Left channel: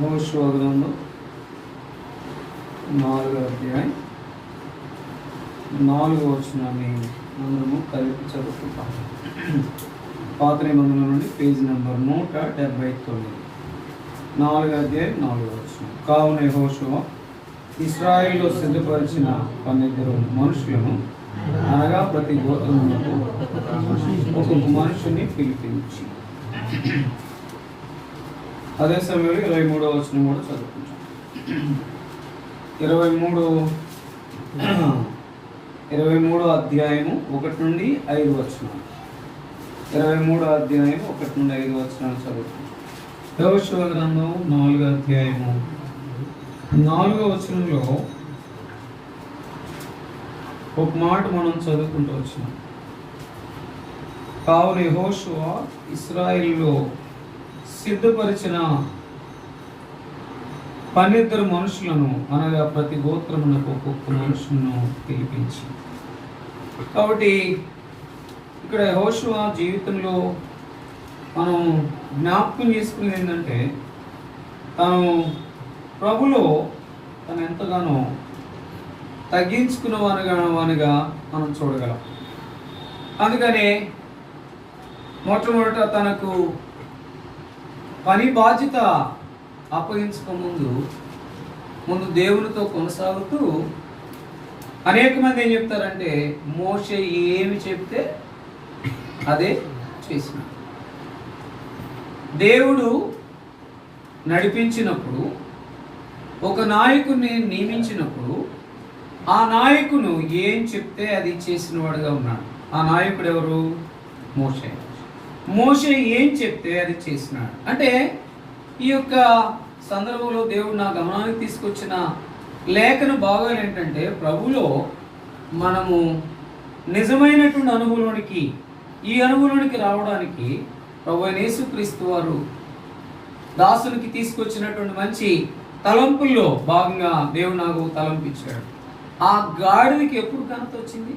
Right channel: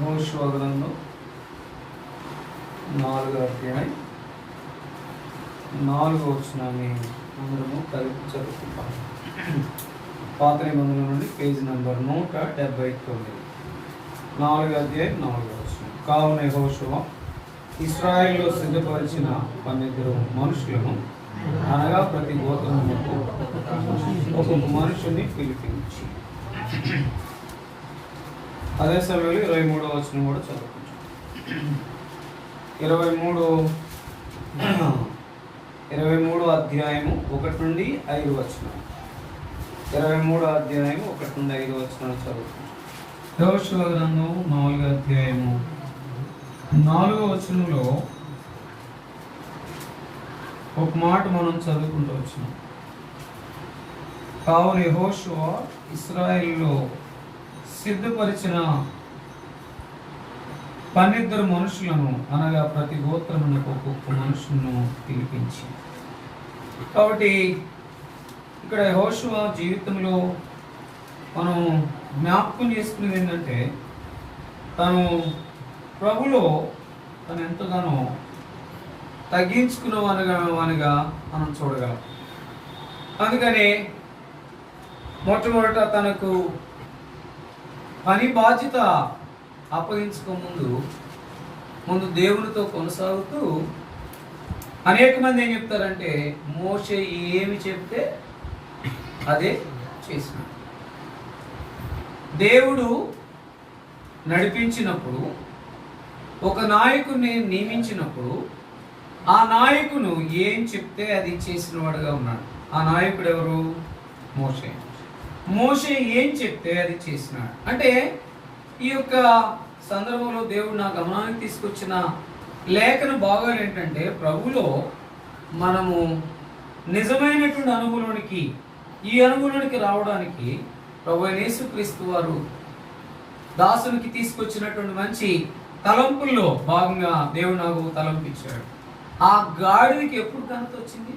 యెహోషువ గ్రంథం 4వ అధ్యాయం 4వ వచనాన్ని అందరము కలిపి చదువుకుంటాం. పాత నిబంధన నుండి పేజీ నంబర్ 179. 4వ అధ్యాయం 4వ వచనం. కావున యెహోషువ ఇశ్రాయేలులో సిద్ధపరిచిన 12 మనుషులను, అనగా ప్రతి గోత్రమునకు ఒక్కొక్క మనుషుని పిలిపించి. అదే సమయంలో 23వ వచనం కూడా చదువుకుంటాం. 23వ అధ్యాయము 1 నుండి 5 వచనాలు. 23వ అధ్యాయం 1 నుండి 5 వచనాలు చదువుకుంటాం. యెహోషువ గ్రంథం 4వ అధ్యాయము 4వ వచనంలో ఒక మాట మనం చదువుకుంటూ వచ్చినాం. కావున యెహోషువ ఇశ్రాయేలులో సిద్ధపరిచిన 12 మనుషులను, అనగా ప్రతి గోత్రమునకు ఒక్కొక్క మనుషులను పిలిపించి. కాబట్టి ఇక్కడ యెహోషువ జీవితంలో మనం జ్ఞాపకం చేసుకునేది ఏంటంటే, తను ప్రభులో తను ఎంతగానో తగ్గించుకున్నవానిగా మనం చూడగలం. అందుకనే మొట్టమొదట తనకు పని బాధ్యత అప్పగించుకో ముందు దేవునితో కొనసాగుతూ అనేక మంది ఏం చెప్తారంటే, మోషే ఏమి చెప్తే అదే చేసిన. దేవుడు నడిపించినప్పుడు, ఒక నాయకుడిని నియమించినప్పుడు, ఆ నాయకుడు ఏం చెప్తే అది చేసిన వాడుగా ఉన్నాడు. ఆ నాయకుడు ఎవరు? మోషే. మోషే ఏం చెప్తే అది చేసినాడు. అంటే ఈ యొక్క సందర్భంలో దేవుడు నా గమనానికి తీసుకొచ్చిన లేఖన భాగం ఏంటంటే, ప్రభులో మనము నిజమైనటువంటి అనుభవంలోనికి, ఈ అనుభవంలోనికి రావడానికి ప్రభు యేసుక్రీస్తు వారు దాసునికి తీసుకొచ్చినటువంటి మంచి తలంపుల్లో భాగంగా దేవుడు నాకు తలంపించాడు. ఆ గాడిదకి ఎప్పుడు ఘనత వచ్చింది?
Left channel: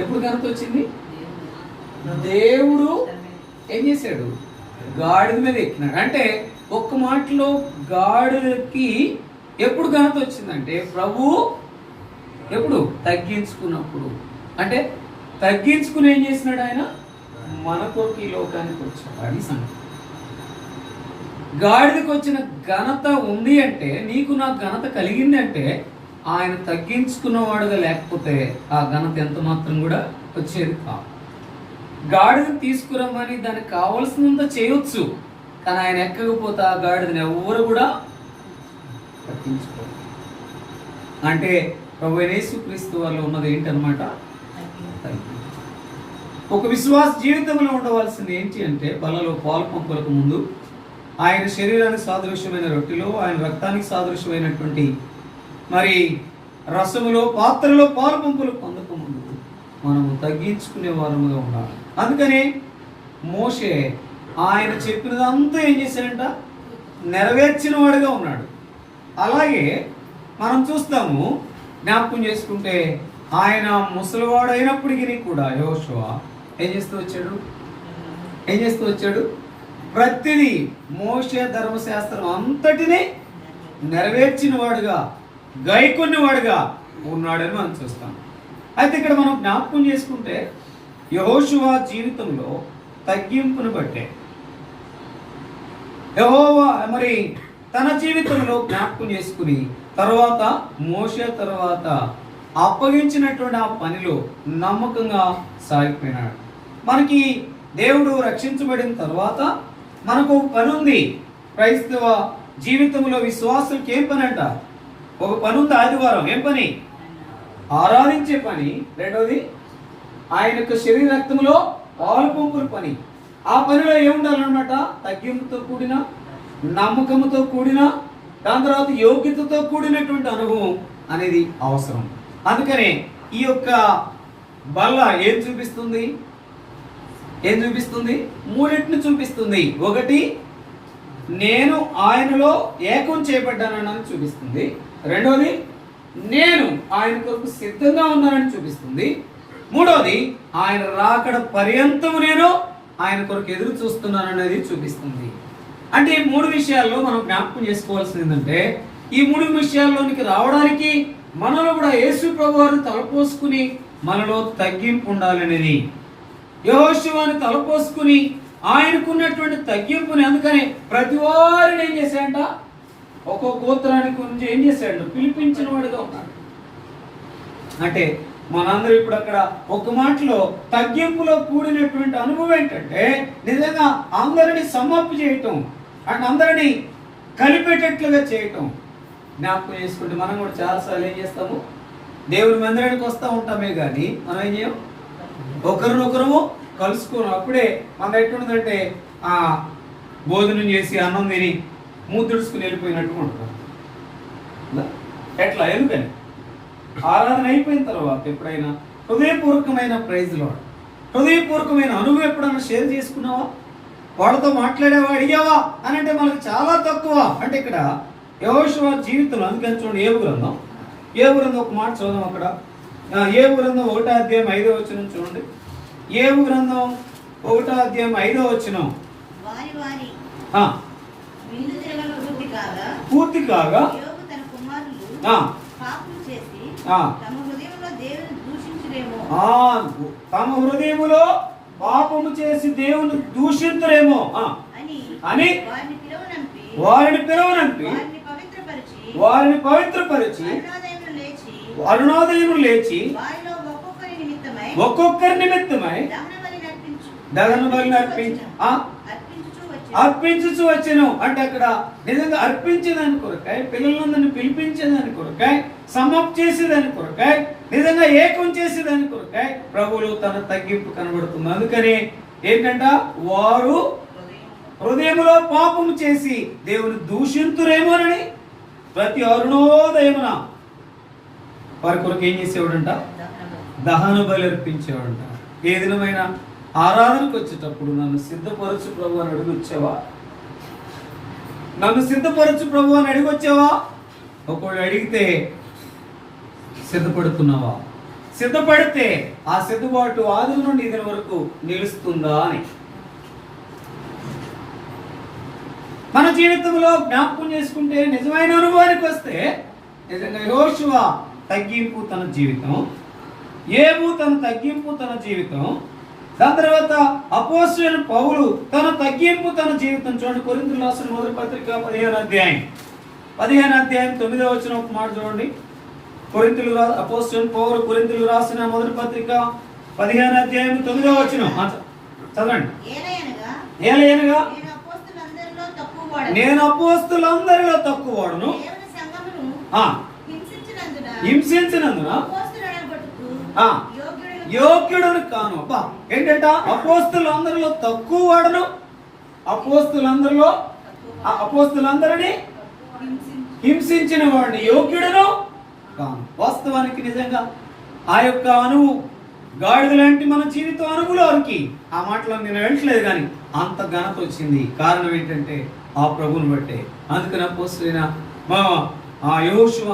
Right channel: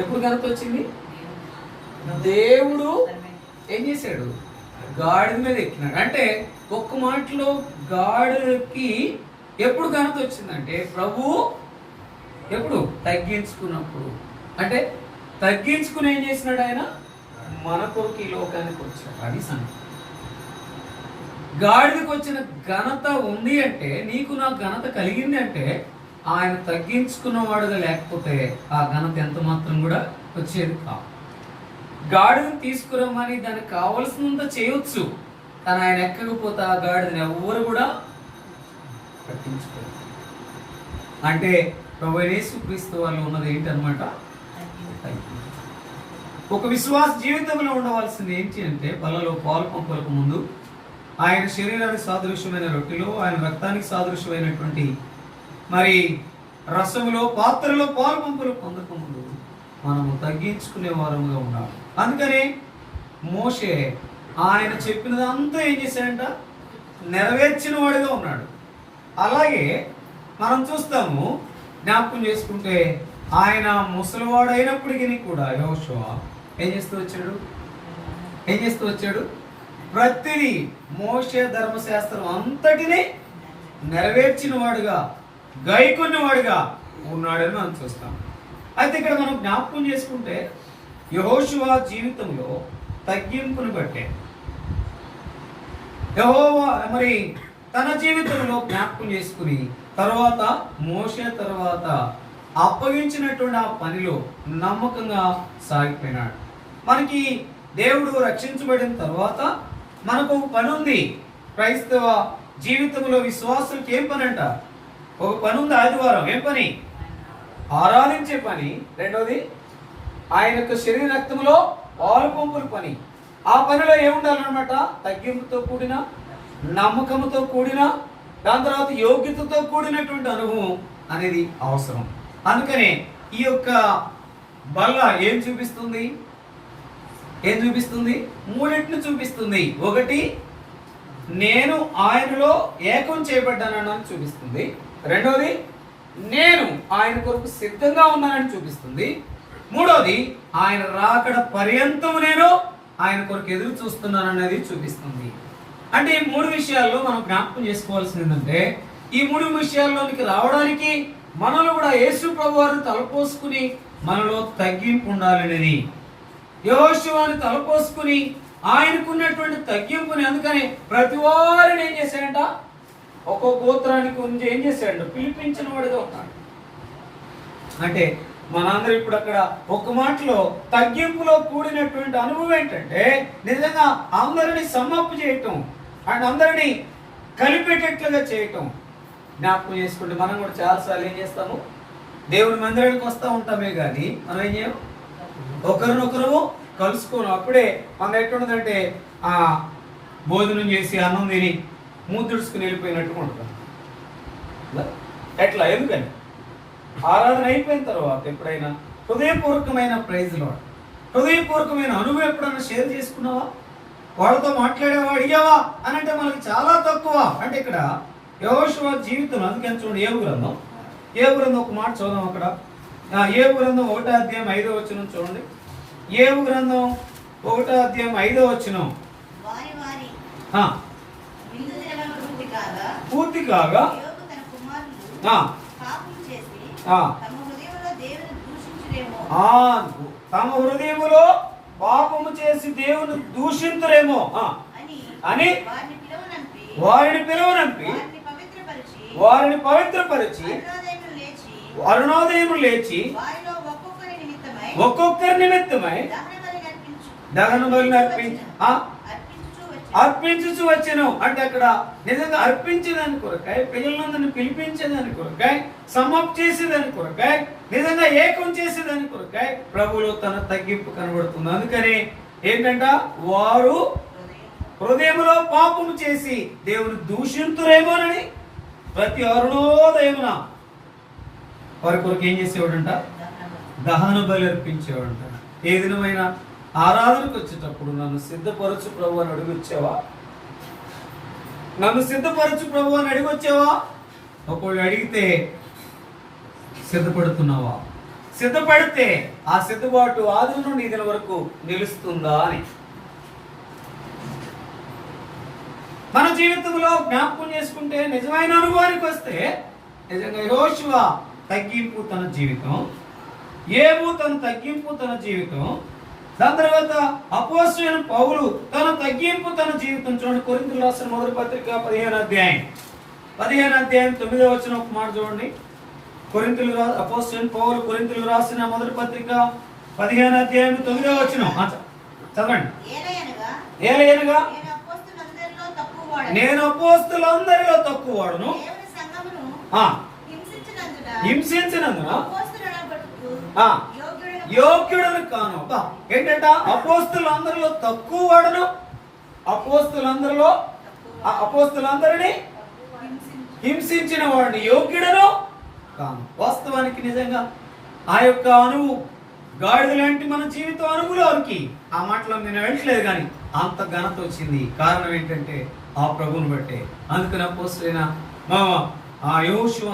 ఎప్పుడు ఘనత వచ్చింది? దేవుడు ఏం చేశాడు? గాడిద మీద ఎక్కినాడు. అంటే ఒక్క మాటలో గాడిదకి ఎప్పుడు ఘనత వచ్చిందంటే, ప్రభు ఎప్పుడు తగ్గించుకున్నప్పుడు. అంటే తగ్గించుకుని ఏం చేసినాడు? ఆయన మన కొరకు ఈ లోకానికి వచ్చాడు. అది సంగతి. గాడిదకి వచ్చిన ఘనత ఉంది అంటే, నీకు నా ఘనత కలిగింది అంటే, ఆయన తగ్గించుకున్నవాడుగా లేకపోతే ఆ ఘనత ఎంత మాత్రం కూడా వచ్చేది కాదు. గాడిదని తీసుకురమ్మని దానికి కావలసినంత చేయొచ్చు, కానీ ఆయన ఎక్కకపోతే ఆ గాడిదని ఎవరు కూడా పట్టించుకోరు. అంటే ప్రభు యేసుక్రీస్తు వాళ్ళు ఉన్నది ఏంటన్నమాట? ఒక విశ్వాస జీవితంలో ఉండవలసింది ఏంటి అంటే, బలలో పాలు పంపులకు ముందు ఆయన శరీరానికి సాదృశ్యమైన రొట్టెలో, ఆయన రక్తానికి సాదృశ్యమైనటువంటి మరి రసములో, పాత్రలో పాలు పంపులు పొందక ముందు మనము తగ్గించుకునే వారముగా ఉండాలి. అందుకని మోషే ఆయన చెప్పినదంతా ఏం చేశాడంట? నెరవేర్చిన వాడుగా ఉన్నాడు. అలాగే మనం చూస్తాము, జ్ఞాపకం చేసుకుంటే, ఆయన ముసలివాడు అయినప్పటికీ కూడా యెహోషువ ఏం చేస్తూ వచ్చాడు? ప్రతిదీ మోషే ధర్మశాస్త్రం అంతటినీ నెరవేర్చిన వాడుగా, గైకొన్నవాడుగా ఉన్నాడని మనం చూస్తాం. అయితే ఇక్కడ మనం జ్ఞాపకం చేసుకుంటే, యెహోషువ జీవితంలో తగ్గింపును బట్టే యెహోవా మరి తన జీవితంలో జ్ఞాపకం చేసుకుని, తర్వాత మోషే తర్వాత అప్పగించినటువంటి ఆ పనిలో నమ్మకంగా సాగిపోయినాడు. మనకి దేవుడు రక్షించబడిన తర్వాత మనకు ఒక పని ఉంది. క్రైస్తవ జీవితంలో విశ్వాసులకు ఏం పని అంట? ఒక పని ఉంది. ఆదివారం ఏం పని? ఆరాధించే పని. రెండవది ఆయన యొక్క శరీర రక్తంలో పాలు పంపుల పని. ఆ పనిలో ఏముండాలన్నమాట? తగ్గింపుతో కూడిన, నమ్మకంతో కూడిన, దాని తర్వాత యోగ్యతతో కూడినటువంటి అనుభవం అనేది అవసరం. అందుకనే ఈ యొక్క బల్ల ఏం చూపిస్తుంది? మూడింటిని చూపిస్తుంది. ఒకటి, నేను ఆయనలో ఏకం చేయబడ్డానని చూపిస్తుంది. రెండవది, నేను ఆయన కొరకు సిద్ధంగా ఉన్నానని చూపిస్తుంది. మూడవది, ఆయన రాకడ పర్యంతము నేను ఆయన కొరకు ఎదురు చూస్తున్నాను అనేది చూపిస్తుంది. అంటే ఈ మూడు విషయాల్లో మనం జ్ఞాపకం చేసుకోవాల్సింది ఏంటంటే, ఈ మూడు విషయాల్లోనికి రావడానికి మనలో కూడా యేసు ప్రభు వారిని తలపోసుకుని మనలో తగ్గింపు ఉండాలనేది. యెహోషువని తలపోసుకుని ఆయనకున్నటువంటి తగ్గింపుని, అందుకని ప్రతి వారిని ఏం చేశాడంట, ఒక్కో గోత్రానికి గురించి ఏం చేశాడు, పిలిపించిన వాడిగా ఉన్నాడు. అంటే మనందరూ ఇప్పుడు అక్కడ ఒక మాటలో తగ్గింపులో కూడినటువంటి అనుభవం ఏంటంటే, నిజంగా అందరిని సమ్మప్పు చేయటం అండ్ అందరినీ కలిపేటట్లుగా చేయటం. జ్ఞాపకం చేసుకుంటే మనం కూడా చాలాసార్లు ఏం చేస్తాము, దేవుని మందిరానికి వస్తూ ఉంటామే కానీ మనం ఏం చేయం, ఒకరినొకరు కలుసుకోను. అప్పుడే మనం ఎట్లుంటుందంటే భోజనం చేసి అన్నం తిని ముద్దుడుచుకుని వెళ్ళిపోయినట్టుగా ఉంటుంది. ఎట్లా, ఎందుకని ఆరాధన అయిపోయిన తర్వాత ఎప్పుడైనా హృదయపూర్వకమైన ప్రైజ్లో, హృదయపూర్వకమైన అనుభవం ఎప్పుడైనా షేర్ చేసుకున్నావా, వాళ్ళతో మాట్లాడావా, అడిగావా అని అంటే మనకి చాలా తక్కువ. అంటే ఇక్కడ యెహోషువ జీవితం, అందుకని చూడండి ఏబు గ్రంథం ఒక మాట చూద్దాం. అక్కడ ఏబు గ్రంథం 1వ అధ్యాయం 5వ వచనం చూడండి. ఏబు గ్రంథం 1వ అధ్యాయం 5వ వచనం. పూర్తి కాగా తమ హృదయములో పాపము చేసి దేవుని దూషింతురేమో అని వారిని పిలువనంపి వారిని పవిత్రపరిచి అరుణోదయములు లేచి ఒక్కొక్కరి నిమిత్తమై దహన బలి అర్పించుచు వచ్చెను. అంటే అక్కడ నిజంగా అర్పించేదాని కొరకాయ, పిల్లలందరినీ పిలిపించేదాని కొరకాయ, సమ్మప్ చేసేదాని కొరకాయ, నిజంగా ఏకం చేసేదాని కొరకాయ ప్రభువులో తన తగ్గింపు కనబడుతుంది. అందుకని ఏంటంట, వారు హృదయములో పాపము చేసి దేవుని దూషింతురేమోనని ప్రతి అరుణోదయమున వారి కొరకు ఏం చేసేవాడంట, దహన బలి అర్పించేవాడంట. ఏ దినమైన ఆరాధనకు వచ్చేటప్పుడు నన్ను సిద్ధపరచు ప్రభు అని అడిగొచ్చావా, నన్ను సిద్ధపరచు ప్రభు అని అడిగొచ్చావా? ఒకళ్ళు అడిగితే సిద్ధపడుతున్నావా? సిద్ధపడితే ఆ సిద్ధపాటు ఆది నుండి ఇది వరకు నిలుస్తుందా అని మన జీవితంలో జ్ఞాపకం చేసుకుంటే, నిజమైన అనుభవానికి వస్తే నిజంగా యెహోషువ తగ్గింపు తన జీవితం, ఏబు తన తగ్గింపు తన జీవితం, దాని తర్వాత అపోస్తలుడైన పౌలు తన తగ్గింపు తన జీవితం. చూడండి కొరింథీయులకు రాసిన మొదటి పత్రిక 15వ అధ్యాయం 9వ వచనం ఒక మాట చూడండి. అపోస్తలుడైన పౌలు కొరింథీయులకు రాసిన మొదటి పత్రిక 15వ అధ్యాయం 9వ వచనం చదవండి. ఏలయనగా నేను అపోస్తలులందరిలో తక్కువవాడును, హింసించినందున యోగ్యుడను కాను. ఏంటంట, అపోస్తలులందరిలో తక్కువ వాడును, అపోస్తలులందరినీ హింసించిన వాడిని యోగ్యుడను కాను. వాస్తవానికి నిజంగా ఆ యొక్క అనువు గాడిద లాంటి మన జీవితం అనుభవంలోనికి ఆ మాటలో నేను వెళ్ళట్లేదు, కానీ అంత ఘనత వచ్చింది. కారణం ఏంటంటే ఆ ప్రభువుని బట్టే. అందుకని అపోస్తలుడైన ఆ యెహోషువ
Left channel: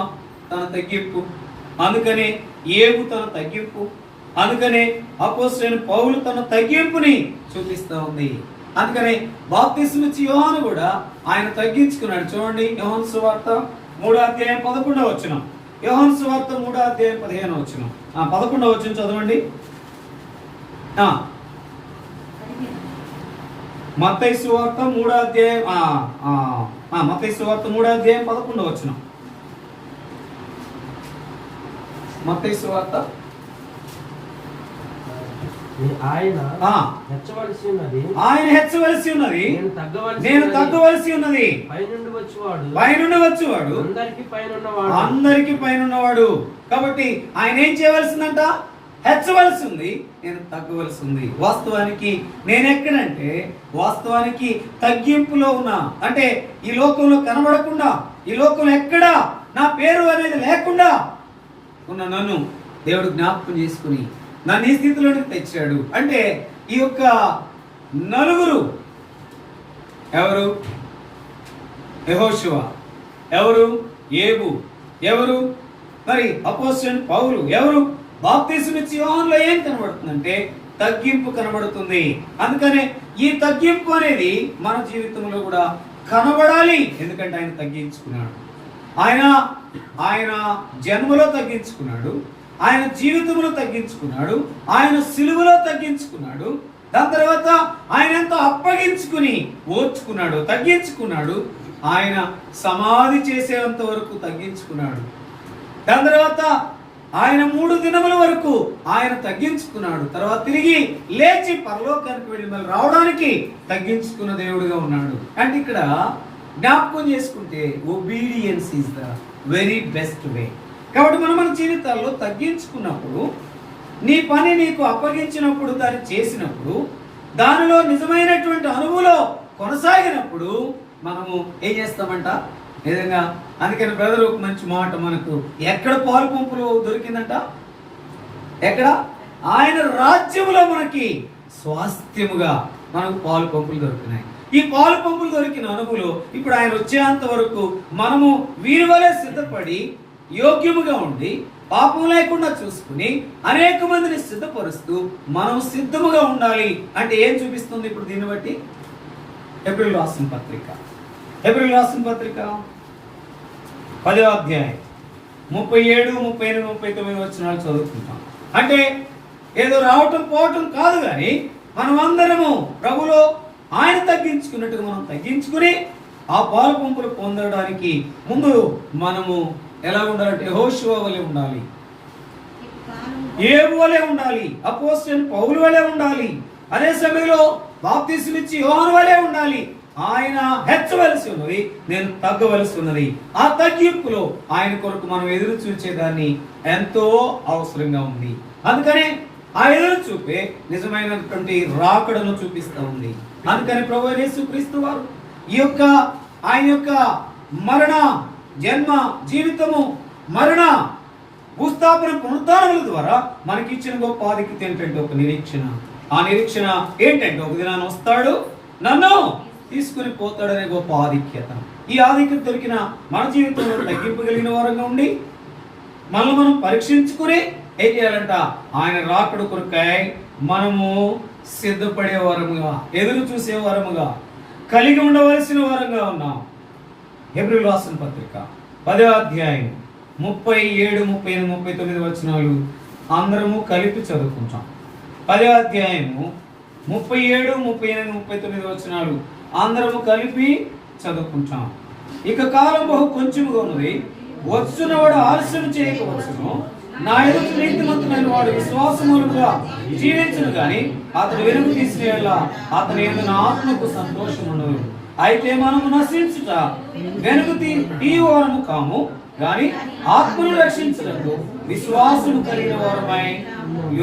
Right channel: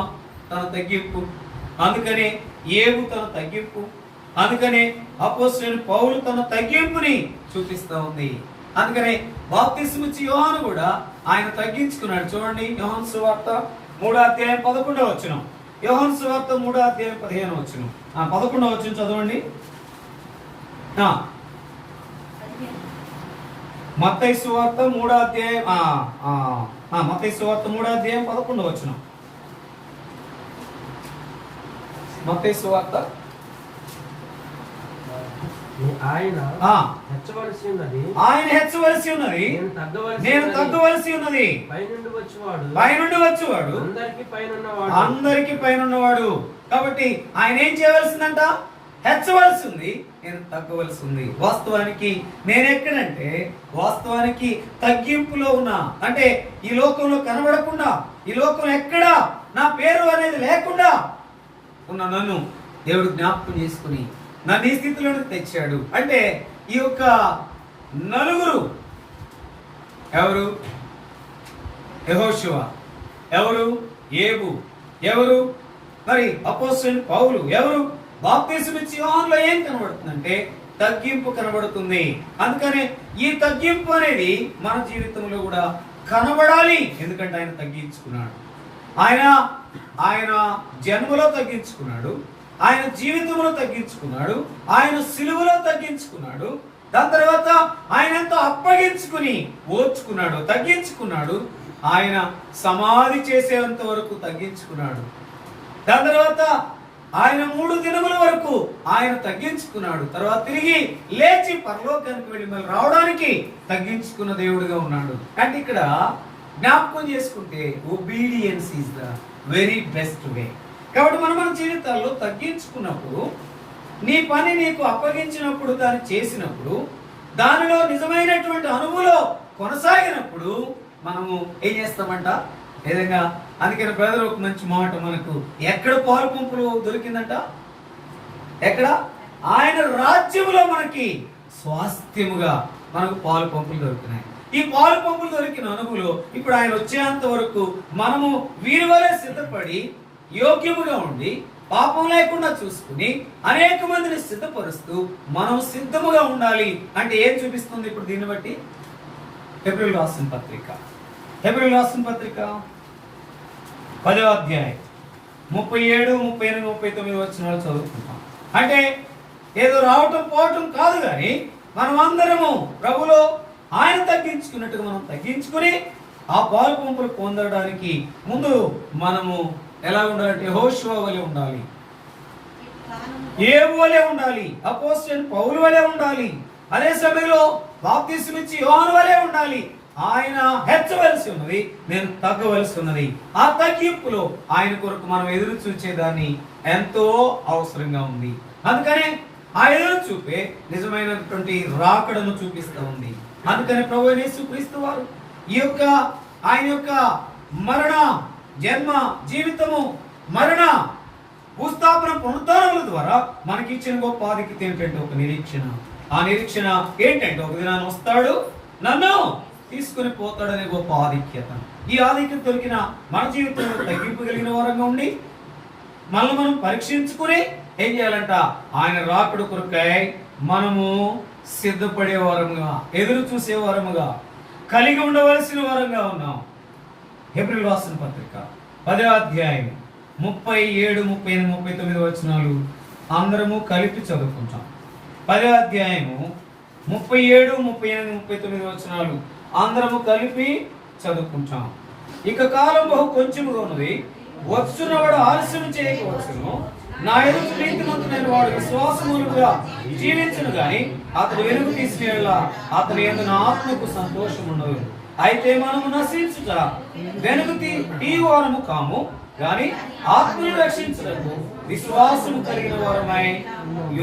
తన తగ్గింపు, అందుకనే ఏబు తన తగ్గింపు, అందుకనే అపోస్తలుడైన పౌలు తన తగ్గింపుని చూపిస్తా ఉంది. అందుకనే బాప్తిస్మం ఇచ్చే యోహాను కూడా ఆయన తగ్గించుకున్నాడు. చూడండి యోహాను సువార్త 3వ అధ్యాయం 11వ వచనం. యోహాను సువార్త 3వ అధ్యాయం 15వ వచనం. 11వ వచనం చదవండి. మత్తయి సువార్త 3వ అధ్యాయం మత్తయి సువార్త 3వ అధ్యాయం 11వ వచనం. మత్తయి సువార్త ఆయన హెచ్చవలసి ఉన్నది, నేను తగ్గవలసి ఉన్నది. పైనుండి వచ్చేవాడు అందరికి పైనున్నవాడు. కాబట్టి ఆయన ఏం చేయవలసిందంట, హెచ్చవలసి ఉంది, నేను తగ్గవలసి ఉంది. వాస్తవానికి నేనెక్కడంటే, వాస్తవానికి తగ్గింపులో ఉన్నా. అంటే ఈ లోకంలో కనబడకుండా, ఈ లోకంలో ఎక్కడా నా పేరు అనేది లేకుండా ఉన్న నన్ను దేవుడు జ్ఞాపకం చేసుకుని నన్ను ఈ స్థితిలోకి తెచ్చాడు. అంటే ఈ యొక్క నలుగురు ఎవరు? యెహోషువ, ఎవరు? ఏబు, ఎవరు? మరి అపోస్తలుడైన పౌలు, ఎవరు? బాప్తిస్మం ఇచ్చే యోహానులో ఏం కనబడుతుందంటే తగ్గింపు కనబడుతుంది. అందుకనే ఈ తగ్గింపు అనేది మన జీవితంలో కూడా కనబడాలి. ఎందుకంటే ఆయన తగ్గించుకున్నాడు. ఆయన జన్మలో తగ్గించుకున్నాడు, ఆయన జీవితంలో తగ్గించుకున్నాడు, ఆయన సిలువలో తగ్గించుకున్నాడు. దాని తర్వాత ఆయన ఎంతో అప్పగించుకుని ఓర్చుకున్నాడు, తగ్గించుకున్నాడు. ఆయన సమాధి చేసేంత వరకు తగ్గించుకున్నాడు. దాని తర్వాత ఆయన 3 దినముల వరకు ఆయన తగ్గించుకున్నాడు. తర్వాత తిరిగి లేచి పరలోకానికి వెళ్ళి మళ్ళీ రావడానికి తగ్గించుకున్న దేవుడిగా ఉన్నాడు. అంటే ఇక్కడ జ్ఞాపకం చేసుకుంటే obedience is the very best way. కాబట్టి మనం మన జీవితాల్లో తగ్గించుకున్నప్పుడు, నీ పని నీకు అప్పగించినప్పుడు, దాన్ని చేసినప్పుడు, దానిలో నిజమైనటువంటి అనుభవంలో కొనసాగినప్పుడు మనము ఏం చేస్తామంట? నిజంగా అందుకని ప్రజలు ఒక మంచి మాట, మనకు ఎక్కడ పాలు పంపులు దొరికిందంట? ఎక్కడ? ఆయన రాజ్యములో మనకి స్వాస్థ్యముగా మనకు పాలు పంపులు దొరుకుతున్నాయి. ఈ పాలు పంపులు దొరికిన అనుభవంలో ఇప్పుడు ఆయన వచ్చేంత వరకు మనము వీరి వలె సిద్ధపడి యోగ్యముగా ఉండి పాపం లేకుండా చూసుకుని అనేక మందిని సిద్ధపరుస్తూ మనం సిద్ధముగా ఉండాలి. అంటే ఏం చూపిస్తుంది ఇప్పుడు దీన్ని బట్టి? హెబ్రీయులకు రాసిన పత్రిక 10వ అధ్యాయం 37, 38, 39 వచనాలు చదువుకుంటాం. అంటే ఏదో రావటం పోవటం కాదు, కానీ మనం అందరము ప్రభులో ఆయన తగ్గించుకున్నట్టుగా మనం తగ్గించుకుని ఆ పాలు పంపులు పొందడానికి ముందు మనము ఎలా ఉండాలంటే యెహోషువ వలె ఉండాలి, యేబు వలె ఉండాలి, అపోస్తలుడైన పౌలు వలె ఉండాలి. అదే సమయంలో బాప్తిస్మమిచ్చి యోహాను వలె ఉండాలి. ఆయన హెచ్చవలసి ఉన్నది, నేను తగ్గవలసి ఉన్నది. ఆ తగ్గింపులో ఆయన కొరకు మనం ఎదురు చూచేదాన్ని ఎంతో అవసరంగా ఉంది. అందుకనే ఆ ఎదురు చూపే నిజమైనటువంటి రాకడను చూపిస్తూ ఉంది. అందుకని ప్రభువైన యేసుక్రీస్తు వారు ఆయన యొక్క మరణ, జన్మ, జీవితము, మరణ, భూస్థాపన, పునరుద్ధానముల ద్వారా మనకిచ్చిన గొప్ప ఆధిక్యత ఏంటంటే ఒక నిరీక్షణ. ఆ నిరీక్షణ ఏంటంటే ఒక దినాన్ని వస్తాడు, నన్ను తీసుకుని పోతాడనే గొప్ప ఆధిక్యత. ఈ ఆధిక్యత దొరికిన మన జీవితంలో తగ్గింపు కలిగిన వారంగా ఉండి మనల్ని మనం పరీక్షించుకుని ఏం చేయాలంట? ఆయన రాకడు కొరకై మనము సిద్ధపడే వారముగా, ఎదురు చూసే వారముగా, కలిగి ఉండవలసిన వారంగా ఉన్నాం. హెబ్రీయులకు రాసిన పత్రిక 10వ అధ్యాయం 37, 38, 39 వచనాలు అందరము కలిపి చదువుకుంటాం. 10వ అధ్యాయము 37, 38, 39 వచనాలు అందరము కలిపి చదువుకుంటాం. ఇక కాలం బహు కొంచెముగా ఉన్నది, వచ్చున్నవాడు ఆలస్యం చేయకపోవచ్చును. నా ఎదుట నీతిమంతుడైన వాడు విశ్వాసముగా జీవించును గాని అతడు వెనుక తీసిన అతని యందు నా ఆత్మకు సంతోషం ఉండదు. అయితే మనము నశించుట వెనుక తీయవారము కాము, గాని ఆత్మను రక్షించడానికి విశ్వాసము కలిగిన వారమై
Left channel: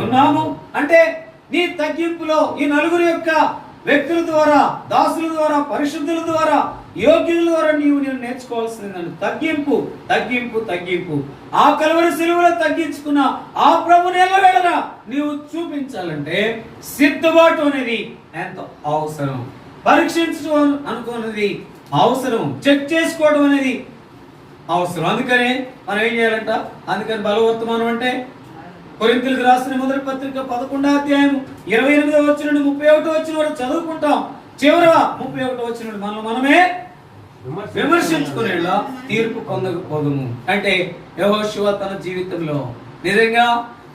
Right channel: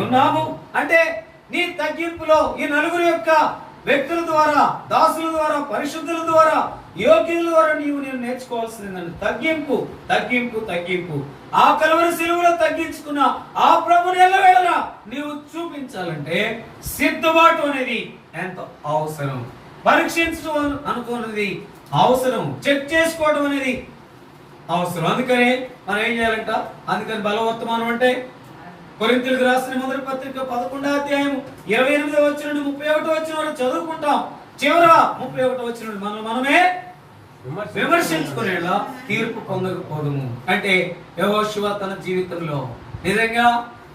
ఉన్నాము. అంటే నీ తగ్గింపులో ఈ నలుగురి యొక్క వ్యక్తుల ద్వారా, దాసుల ద్వారా, పరిశుద్ధుల ద్వారా, యోగ్యుల ద్వారా నేను నేర్చుకోవాల్సింది తగ్గింపు, తగ్గింపు, తగ్గింపు. ఆ కల్వరి సిలువలో తగ్గించుకున్న ఆ ప్రభుని ఎల్లవేళలా నీవు చూపించాలంటే సిద్ధపాటు అనేది ఎంతో అవసరం. పరీక్షించడం అనుకున్నది అవసరం, చెక్ చేసుకోవడం అనేది అవసరం. అందుకనే మనం ఏం చేయాలంట? అందుకని బలవర్తమానం అంటే కొరింథీయులకు రాసిన మొదటి పత్రిక 11వ అధ్యాయం 28వ వచనం నుండి 31వ వచనం వరకు చదువుకుంటాం. చివరగా 31వ వచనం నుండి మనమే విమర్శించుకునేలా తీర్పు పొందకపోదుము. అంటే యెహోషువ తన జీవితంలో నిజంగా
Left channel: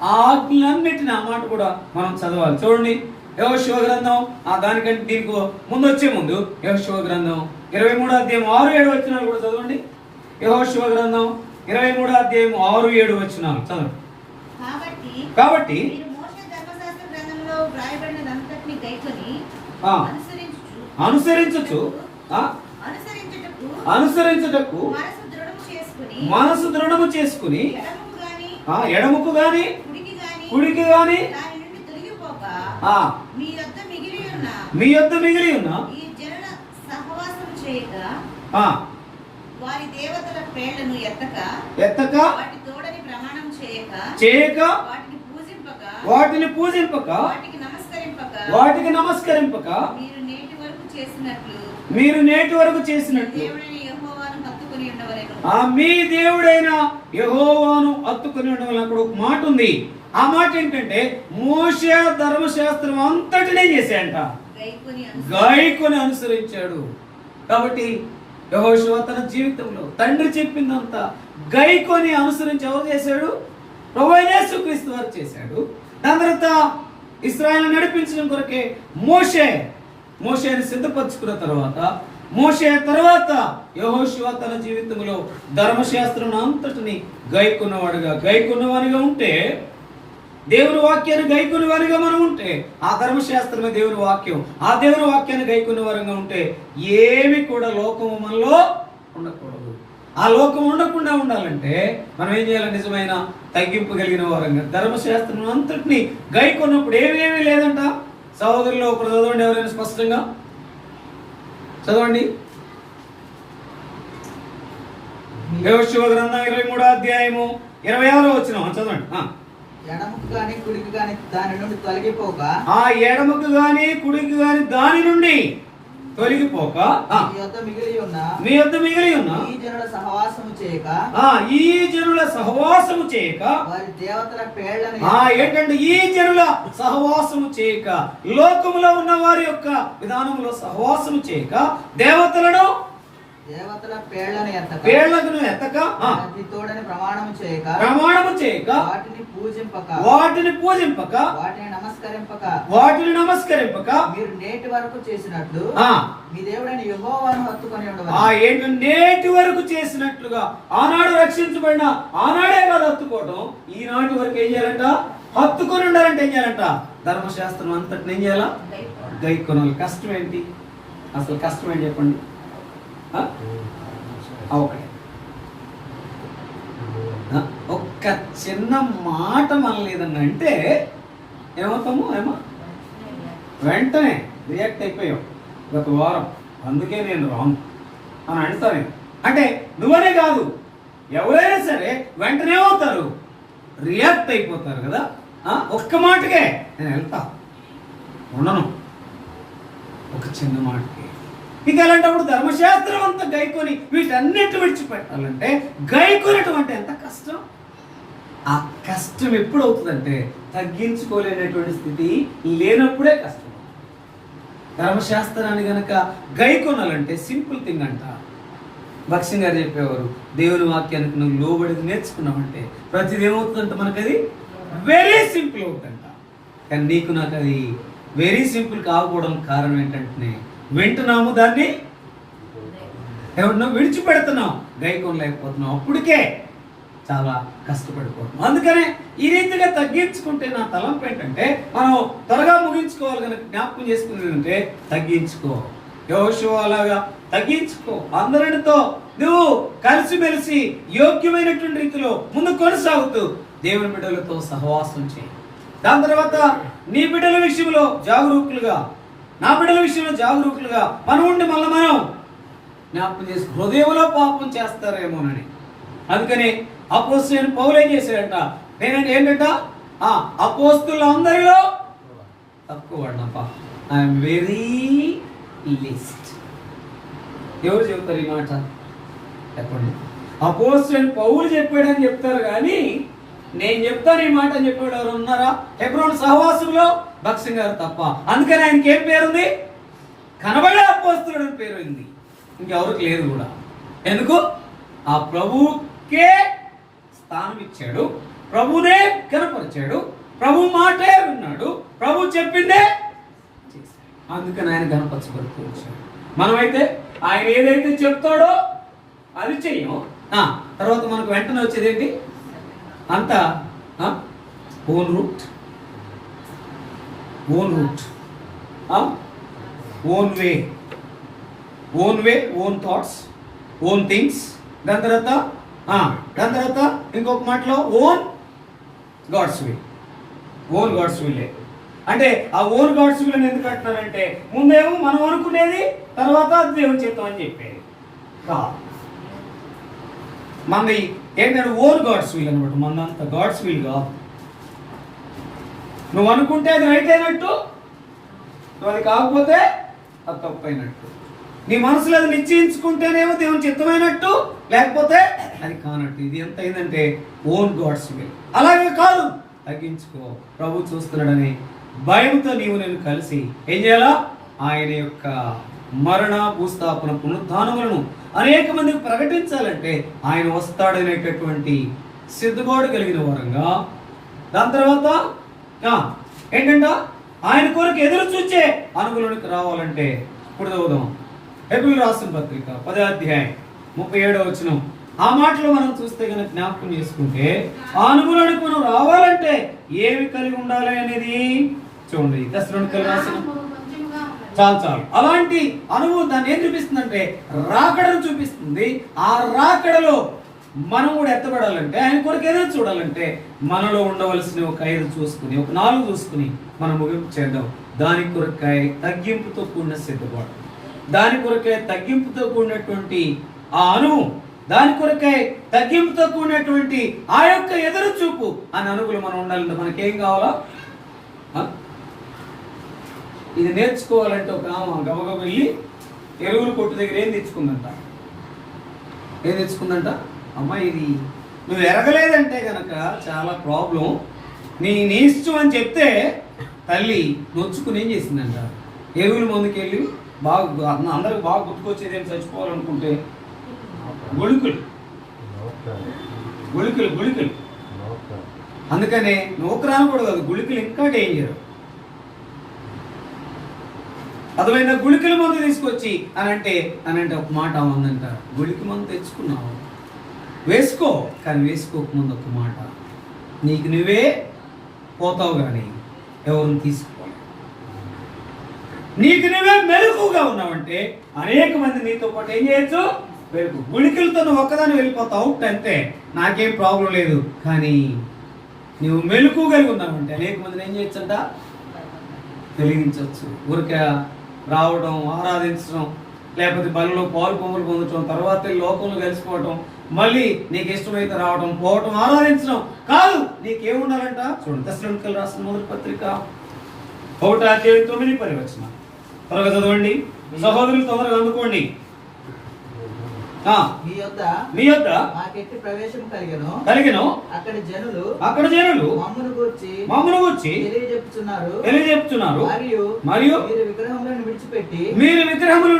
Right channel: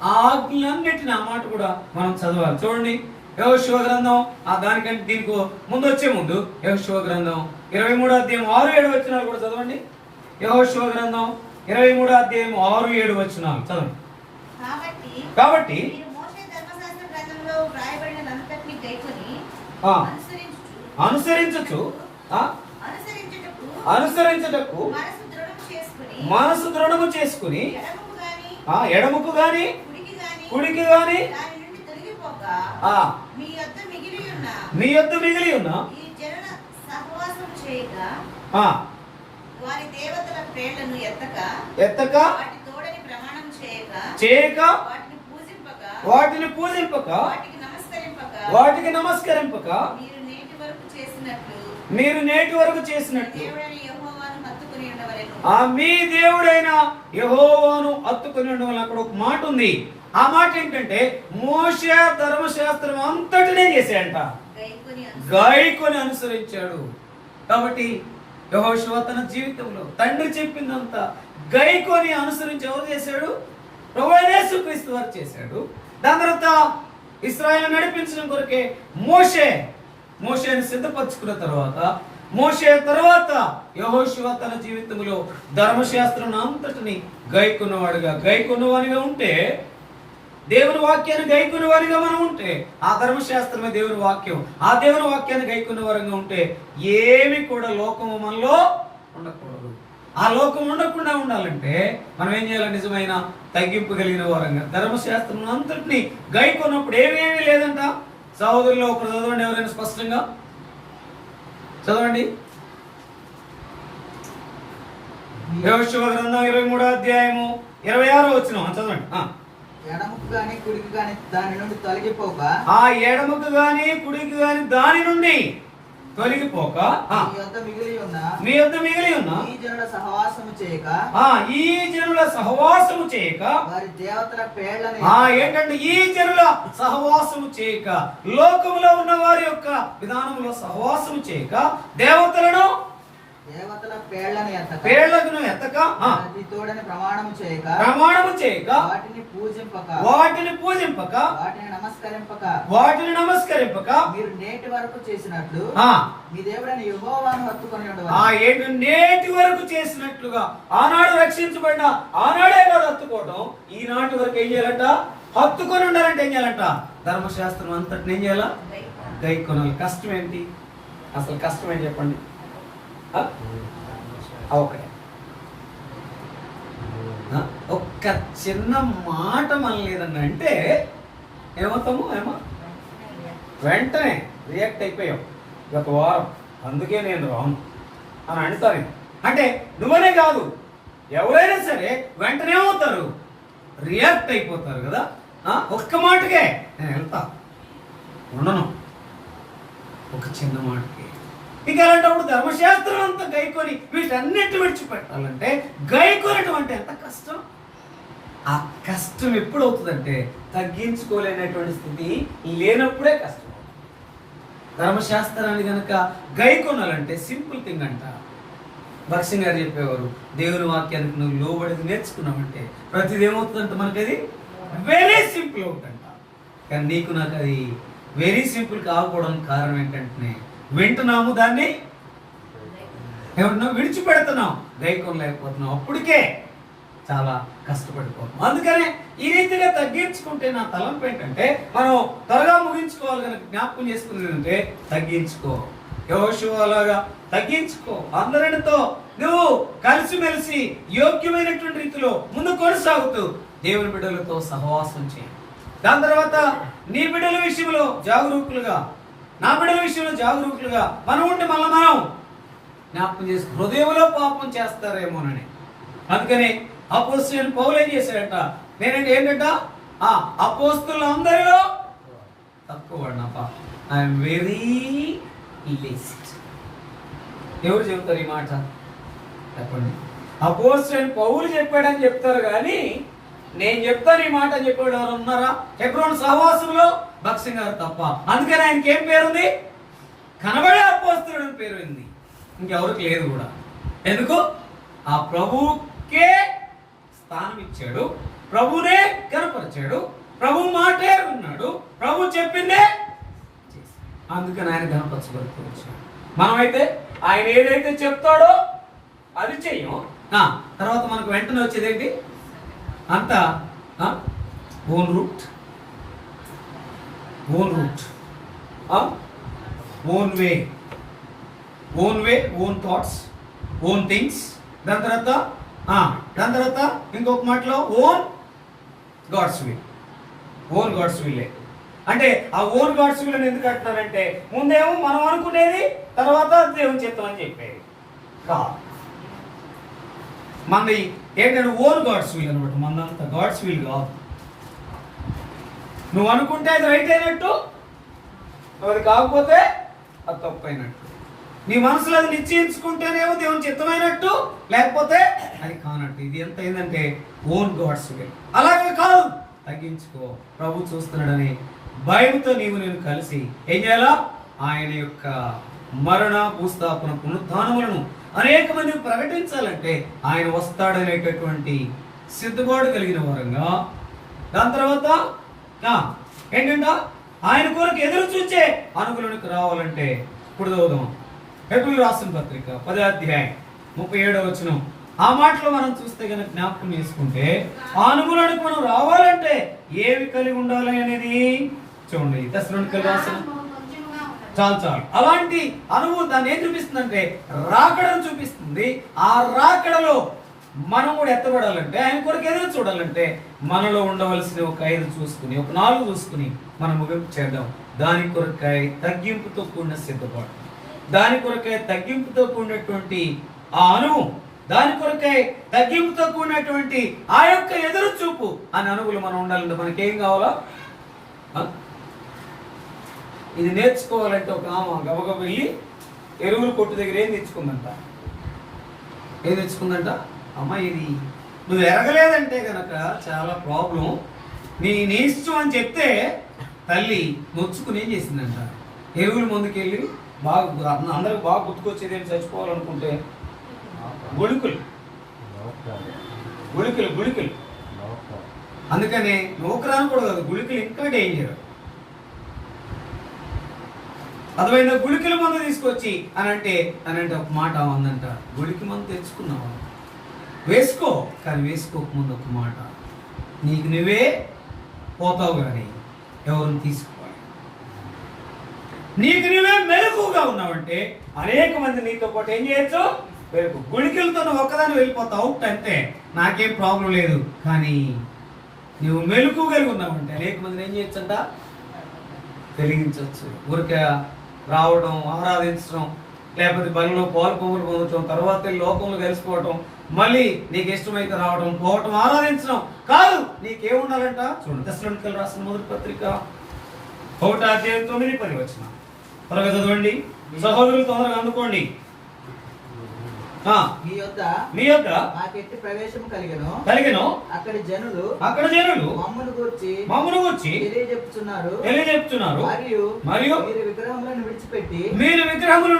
ఆ ఆజ్ఞలన్నిటిని, ఆ మాట కూడా మనం చదవాలి. చూడండి, యెహోషువ గ్రంథం దానికంటే దీనికి ముందు వచ్చే ముందు యెహోషువ గ్రంథం 23వ అధ్యాయం 6-7 వచనాలు కూడా చదవండి. యెహోషువ గ్రంథం 23వ అధ్యాయం 6-7 వచనాలు చదవండి. కాబట్టి అనుసరించుటకు మనసు దృఢము చేసుకుని ఎడముకు గాని కుడికి గాని మీ యొద్ద మిగిలి ఉన్న ఎత్తక చేయక వాటిని పూజింపక వాటికి నమస్కరింపక మీరు నేటి వరకు చేసినట్లు మీ దేవుడైన యెహోవాను హత్తుకుని ఉండవలన. అక్కడ ఒక మాట ఉంది. ఆ మాట ఏంటంటే మోషే ధర్మశాస్త్రం అంతటినే చేశాడంట, గాయకుని అనుసరించాడు. కాబట్టి యెహోషువ తన జీవితంలో తండ్రి చెప్పిందంతా గైకొని అనుసరించి ఎవరు చేశాడు? ప్రభువైన యేసుక్రీస్తు వారు చేశాడు. దాని తర్వాత ఇశ్రాయేలును నడిపించడం కొరకే మోషేని సిద్ధపరచుకున్న తర్వాత మోషే తర్వాత యెహోషువ తన జీవితంలో ధర్మశాస్త్రం అంతటిని గైకొన్నవానిగా ఉంటే, దేవుని వాక్యాన్ని గైకొన్నవారిగా మనం ఉంటే, ఆ ధర్మశాస్త్రమే దేవుని వాక్యం, ఆ దేవుని వాక్యాన్ని గైకొన్న వారంగా ఉంటే ఏమి కూడా లోకము మనలో ఉండకూడదు. ఆ లోకం ఉండకుండా ఉండాలంటే మనం ఏం చేయాలి? నిజమైన తగ్గింపు కలిగిన వారంగా ధర్మశాస్త్రం అంతటిని గైకొన్నప్పుడు ఏమేమీ లేదంట. సహోదరులు ఒకరు చదవండి, ఎవరైనా స్పష్టంగా చదవండి. యెహోషువ గ్రంథం 23వ అధ్యాయము 26వ వచనం చదవండి. ఎడమకు గాని కుడికి గాని దాని నుండి తొలగిపోక, ఆ ఎడమకు గాని కుడికి గాని దాని నుండి తొలగిపోక, మీ యొద్ద మిగిలి ఉన్న ఈ జనుల సహవాసము చేయక, ఈ జనుల సహవాసము చేయక, వారి దేవతల పేర్లని ఏంటంటే ఈ జనుల సహవాసము చేయక, లోకములో ఉన్న వారి యొక్క విధానంలో సహవాసము చేయక, దేవతల పేర్లను ఎత్తక, తోడని ప్రమాణము చేయక, వాటిని పూజింపక, వాటిని నమస్కరింపక, మీరు నేటి వరకు చేసినట్లు మీ దేవుడైన యెహోవాను హత్తుకొని ఉండవాలి. ఏంటి? నేటి వరకు చేసినట్లుగా ఆనాడు రక్షించబడిన ఆనాడే వాడు హత్తుకోవడం, ఈనాటి వరకు ఏం చేయాలంట? హత్తుకొని ఉండాలంటే ఏం చేయాలంట? ధర్మశాస్త్రం అంతటిని ఏం చేయాలా? గైకొనాలి. కష్టం ఏంటి? అసలు కష్టం ఏంటి చెప్పండి? ఒకటే ఒక్క చిన్న మాట మనలేదన్న అంటే ఏమవుతాము? వెంటనే రియాక్ట్ అయిపోయాం. గత వారం అందుకే నేను రాను అని అంటాను. అంటే నువ్వనే కాదు, ఎవరైనా సరే వెంటనే ఏమవుతారు? రియాక్ట్ అయిపోతారు కదా. ఒక్క మాటకే నేను వెళ్తా, ఉండను, ఒక చిన్న మాటకి. ఇక అలాంటప్పుడు ధర్మశాస్త్రం అంతా గైకొని వీటన్నిటి విడిచిపెట్టాలంటే గైకొనటం అంటే ఎంత కష్టం. ఆ కష్టం ఎప్పుడు అవుతుందంటే తగ్గించుకోలేనటువంటి స్థితి లేనప్పుడే కష్టం. ధర్మశాస్త్రాన్ని గనక గైకొనాలంటే సింపుల్ థింగ్ అంట. భక్సింగ్ గారు చెప్పేవారు, దేవుని వాక్యానికి నువ్వు లోబడి నేర్చుకున్నావంటే ప్రతిది ఏమవుతుందంట? మనకు అది వెరీ సింపుల్ అవుతుందంట. కానీ నీకు నాకు అది వెరీ సింపుల్ కాకపోవడం కారణం ఏంటంటే వింటున్నాము, దాన్ని ఏమన్నా విడిచిపెడుతున్నాం, గైకొనలేకపోతున్నాం. అప్పటికే చాలా కష్టపడిపోతున్నాం. అందుకనే ఈ రీతిగా తగ్గించుకుంటే నా తలంపు ఏంటంటే మనం త్వరగా ముగించుకోవాలి కనుక జ్ఞాపకం చేసుకునేది అంటే తగ్గించుకో. యెహోషువ అలాగా తగ్గించుకో. అందరితో నువ్వు కలిసిమెలిసి యోగ్యమైనటువంటి రీతిలో ముందు కొనసాగుతూ దేవుని బిడ్డలతో సహవాసం చేయి. దాని తర్వాత నీ బిడ్డల విషయంలో జాగరూకులుగా, నా బిడ్డల విషయంలో జాగరూకులుగా మనం ఉండి మళ్ళీ మనం జ్ఞాపకం చేసి హృదయంలో పాపం చేస్తారేమోనని. అందుకని అపోస్తలుడైన పౌలు ఏం చేశాడట? ఏంటంట? అపోస్తలులందరిలో తక్కువ వాడినప్ప, ఐఎమ్ వెరీ లీస్ట్. ఎవరు చెబుతారు ఈ మాట చెప్పండి? అపోస్తలుడైన పౌలు చెప్పాడని చెప్తారు కానీ నేను చెప్తాను ఈ మాట అని చెప్పాడు ఎవరు ఉన్నారా? హెబ్రోను సహవాసంలో భక్సింగ్ గారు తప్ప. అందుకని ఆయనకి ఏం పేరుంది? కనబడే అపోస్తలుడు అని పేరు ఉంది. ఇంకెవరికి లేదు కూడా. ఎందుకు? ఆ ప్రభువుకే స్థానం ఇచ్చాడు, ప్రభునే కనపరిచాడు, ప్రభు మాటే విన్నాడు, ప్రభు చెప్పిందే చేశాడు. అందుకని ఆయన కనపరచబడుతూ వచ్చాడు. మనమైతే ఆయన ఏదైతే చెప్తాడో అది చెయ్యం. తర్వాత మనకు వెంటనే వచ్చేది ఏంటి? అంతా own route, own way, own thoughts, own things. దాని తర్వాత ఇంకొక మాటలో ఓన్ గాడ్స్ విల్. అంటే ఆ ఓన్ గాడ్స్ విల్ అని ఎందుకు అంటున్నారంటే ముందేమో మనం అనుకునేది, తర్వాత దేవుని చిత్తం అని చెప్పేది. మనది ఏంటంటే ఓన్ గాడ్స్ విల్ అనమాట. మనంతా గాడ్స్ విల్ కాదు. నువ్వు అనుకుంటే అది రైట్ అయినట్టు, నువ్వు అది కాకపోతే అది తప్పు అయినట్టు. నీ మనసులో అది నిశ్చయించుకుంటేనేమో దేవుని చిత్తమైనట్టు, లేకపోతే అది కానట్టు. ఇది ఎంత అయిందంటే ఓన్ గాడ్స్ విల్. అలాగే కాదు, తగ్గించుకో. ప్రభు చూస్తున్నాడని భయంతో నీవు నేను కలిసి ఏం చేయాలా? ఆయన యొక్క మరణ భూస్థాపన పునరుత్థానములను అనేక మందికి ప్రకటించాలంటే ఆయన వస్తాడనేటటువంటి సిద్ధపాటు కలిగిన వారంగా, దాని తర్వాత ఏంటంట ఆయన కొరకు ఎదురు చూచే అనుగుణానికి రావాలంటే ఇప్పుడు చదువుదాం. హెబ్రీయులకు రాసిన పత్రిక 10వ అధ్యాయం 37వ వచనం. ఆ మాటలో మనం చూస్తే కనుక జ్ఞాపకం చేసుకుంటే ఆ అనుగుణానికి మనం రావాలంటే ఏమి కలిగి ఉండాలి అనేది చూడండి. తెస్సలోనికీయులకు రాసిన చాలు అలాంటి అనుభవం దాన్ని ఏం చూపిస్తుందంటే రాకడను చూపిస్తుంది. ఆ రాకడలో మనం కూడా ఎత్తబడాలంటే, ఆయన కొరకు ఏదో చూడాలంటే మనలో ఉండవలసిన ఒక 5 చూసుకుని, ఒక 4 చూసుకుని మనం ముగింపు చేద్దాం. దాని కొరకై తగ్గింపుతో కూడిన సిద్ధపాటు, దాని కొరకై తగ్గింపుతో కూడినటువంటి ఆ అనుభవం, దాని కొరకై తగ్గింపుతో కూడినటువంటి ఆ యొక్క ఎదురు చూపు అని అనుభవం మనం ఉండాలంటే మనకేం కావాలా? ఇది నేర్చుకోవాలంటే ఒక గబగబ వెళ్ళి ఎరువులు కొట్టు దగ్గర ఏం తెచ్చుకుందంట? అమ్మ ఇది నువ్వు ఎరగలేదంటే గనక చాలా ప్రాబ్లం, నీ ఇష్టం అని చెప్తే తల్లి నొచ్చుకుని ఏం చేసిందంట, ఎరువుల ముందుకు వెళ్ళి బాగా అందరికి బాగా గుర్తుకొచ్చేది ఏం చచ్చిపోవాలనుకుంటే గుళికలు. అందుకనే నూకరాను కూడా కాదు, గుళికలు ఇంకా డేంజర్. అదైనా గుళికల మందు తీసుకొచ్చి అని అంటే ఒక మాట ఉందంట, గుళిక మందు తెచ్చుకున్నావు వేసుకో, కానీ వేసుకోకముందు ఒక మాట, నీకు నువ్వే పోతావు కానీ ఎవరిని తీసుకోవాలి. నీకు నువ్వే మెలకుగా ఉన్నావంటే అనేక మంది నీతో పాటు ఏం చేయొచ్చు? వెలుగు. గుళికలతో నువ్వు ఒక్కదాన్ని వెళ్ళిపోతావు అంటే నాకేం ప్రాబ్లం లేదు, కానీ నువ్వు మెలకు కలిగి ఉన్నావంటే అనేక మందిని ఏం చేయొచ్చంట? వెలిగించవచ్చు. ఊరికే రావడం, ఆరాధించడం, లేకపోతే బలిలో పాలు పొంగులు పొందడం, తర్వాత లోకంలో కలిసిపోవటం, మళ్ళీ నీకు ఇష్టమైతే రావడం, పోవటం, ఆరాధించడం కాదు. నీకేముండాలంట? చూడండి, తెస్సలోనికీయులకు రాసిన మొదటి పత్రిక 1వ అధ్యాయం 9-10 వచనం. త్వరగా చదవండి సహోదరులు, తొందరగా అందుకోండి. మీ యొద్ద మాకెట్టి ప్రవేశము కలిగెను. అక్కడి జనులు మమ్మును గూర్చి తెలియజెప్పుచున్నారు. మరియు మీరు విగ్రహములను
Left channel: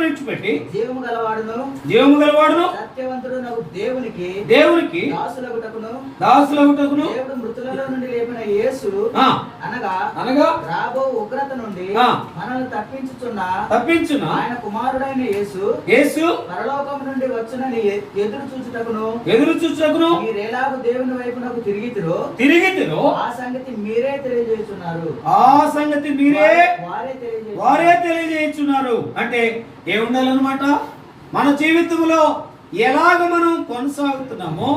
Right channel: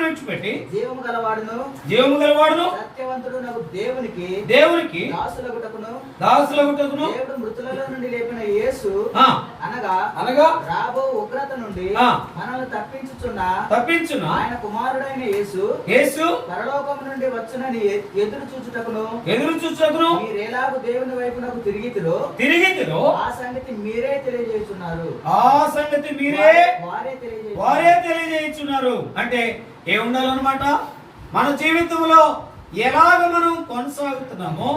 విడిచిపెట్టి జీవము గలవాడును సత్యవంతుడు నాకు దేవునికి దాసులగుటకును దేవుడు మృతులలో నుండి లేపిన యేసు అనగా రాబో ఉగ్రత నుండి మనల్ని తప్పించుచున్న ఆయన కుమారుడైన యేసు పరలోకం నుండి వచ్చునని ఎదురు చూచుటకును మీరేలాగు దేవుని వైపు నాకు తిరిగితిరో ఆ సంగతి మీరే తెలియజేస్తున్నారు. వారే తెలియజేస్తున్నారు. అంటే ఏముండాలన్నమాట? మన జీవితంలో ఎలాగ మనం కొనసాగుతున్నామో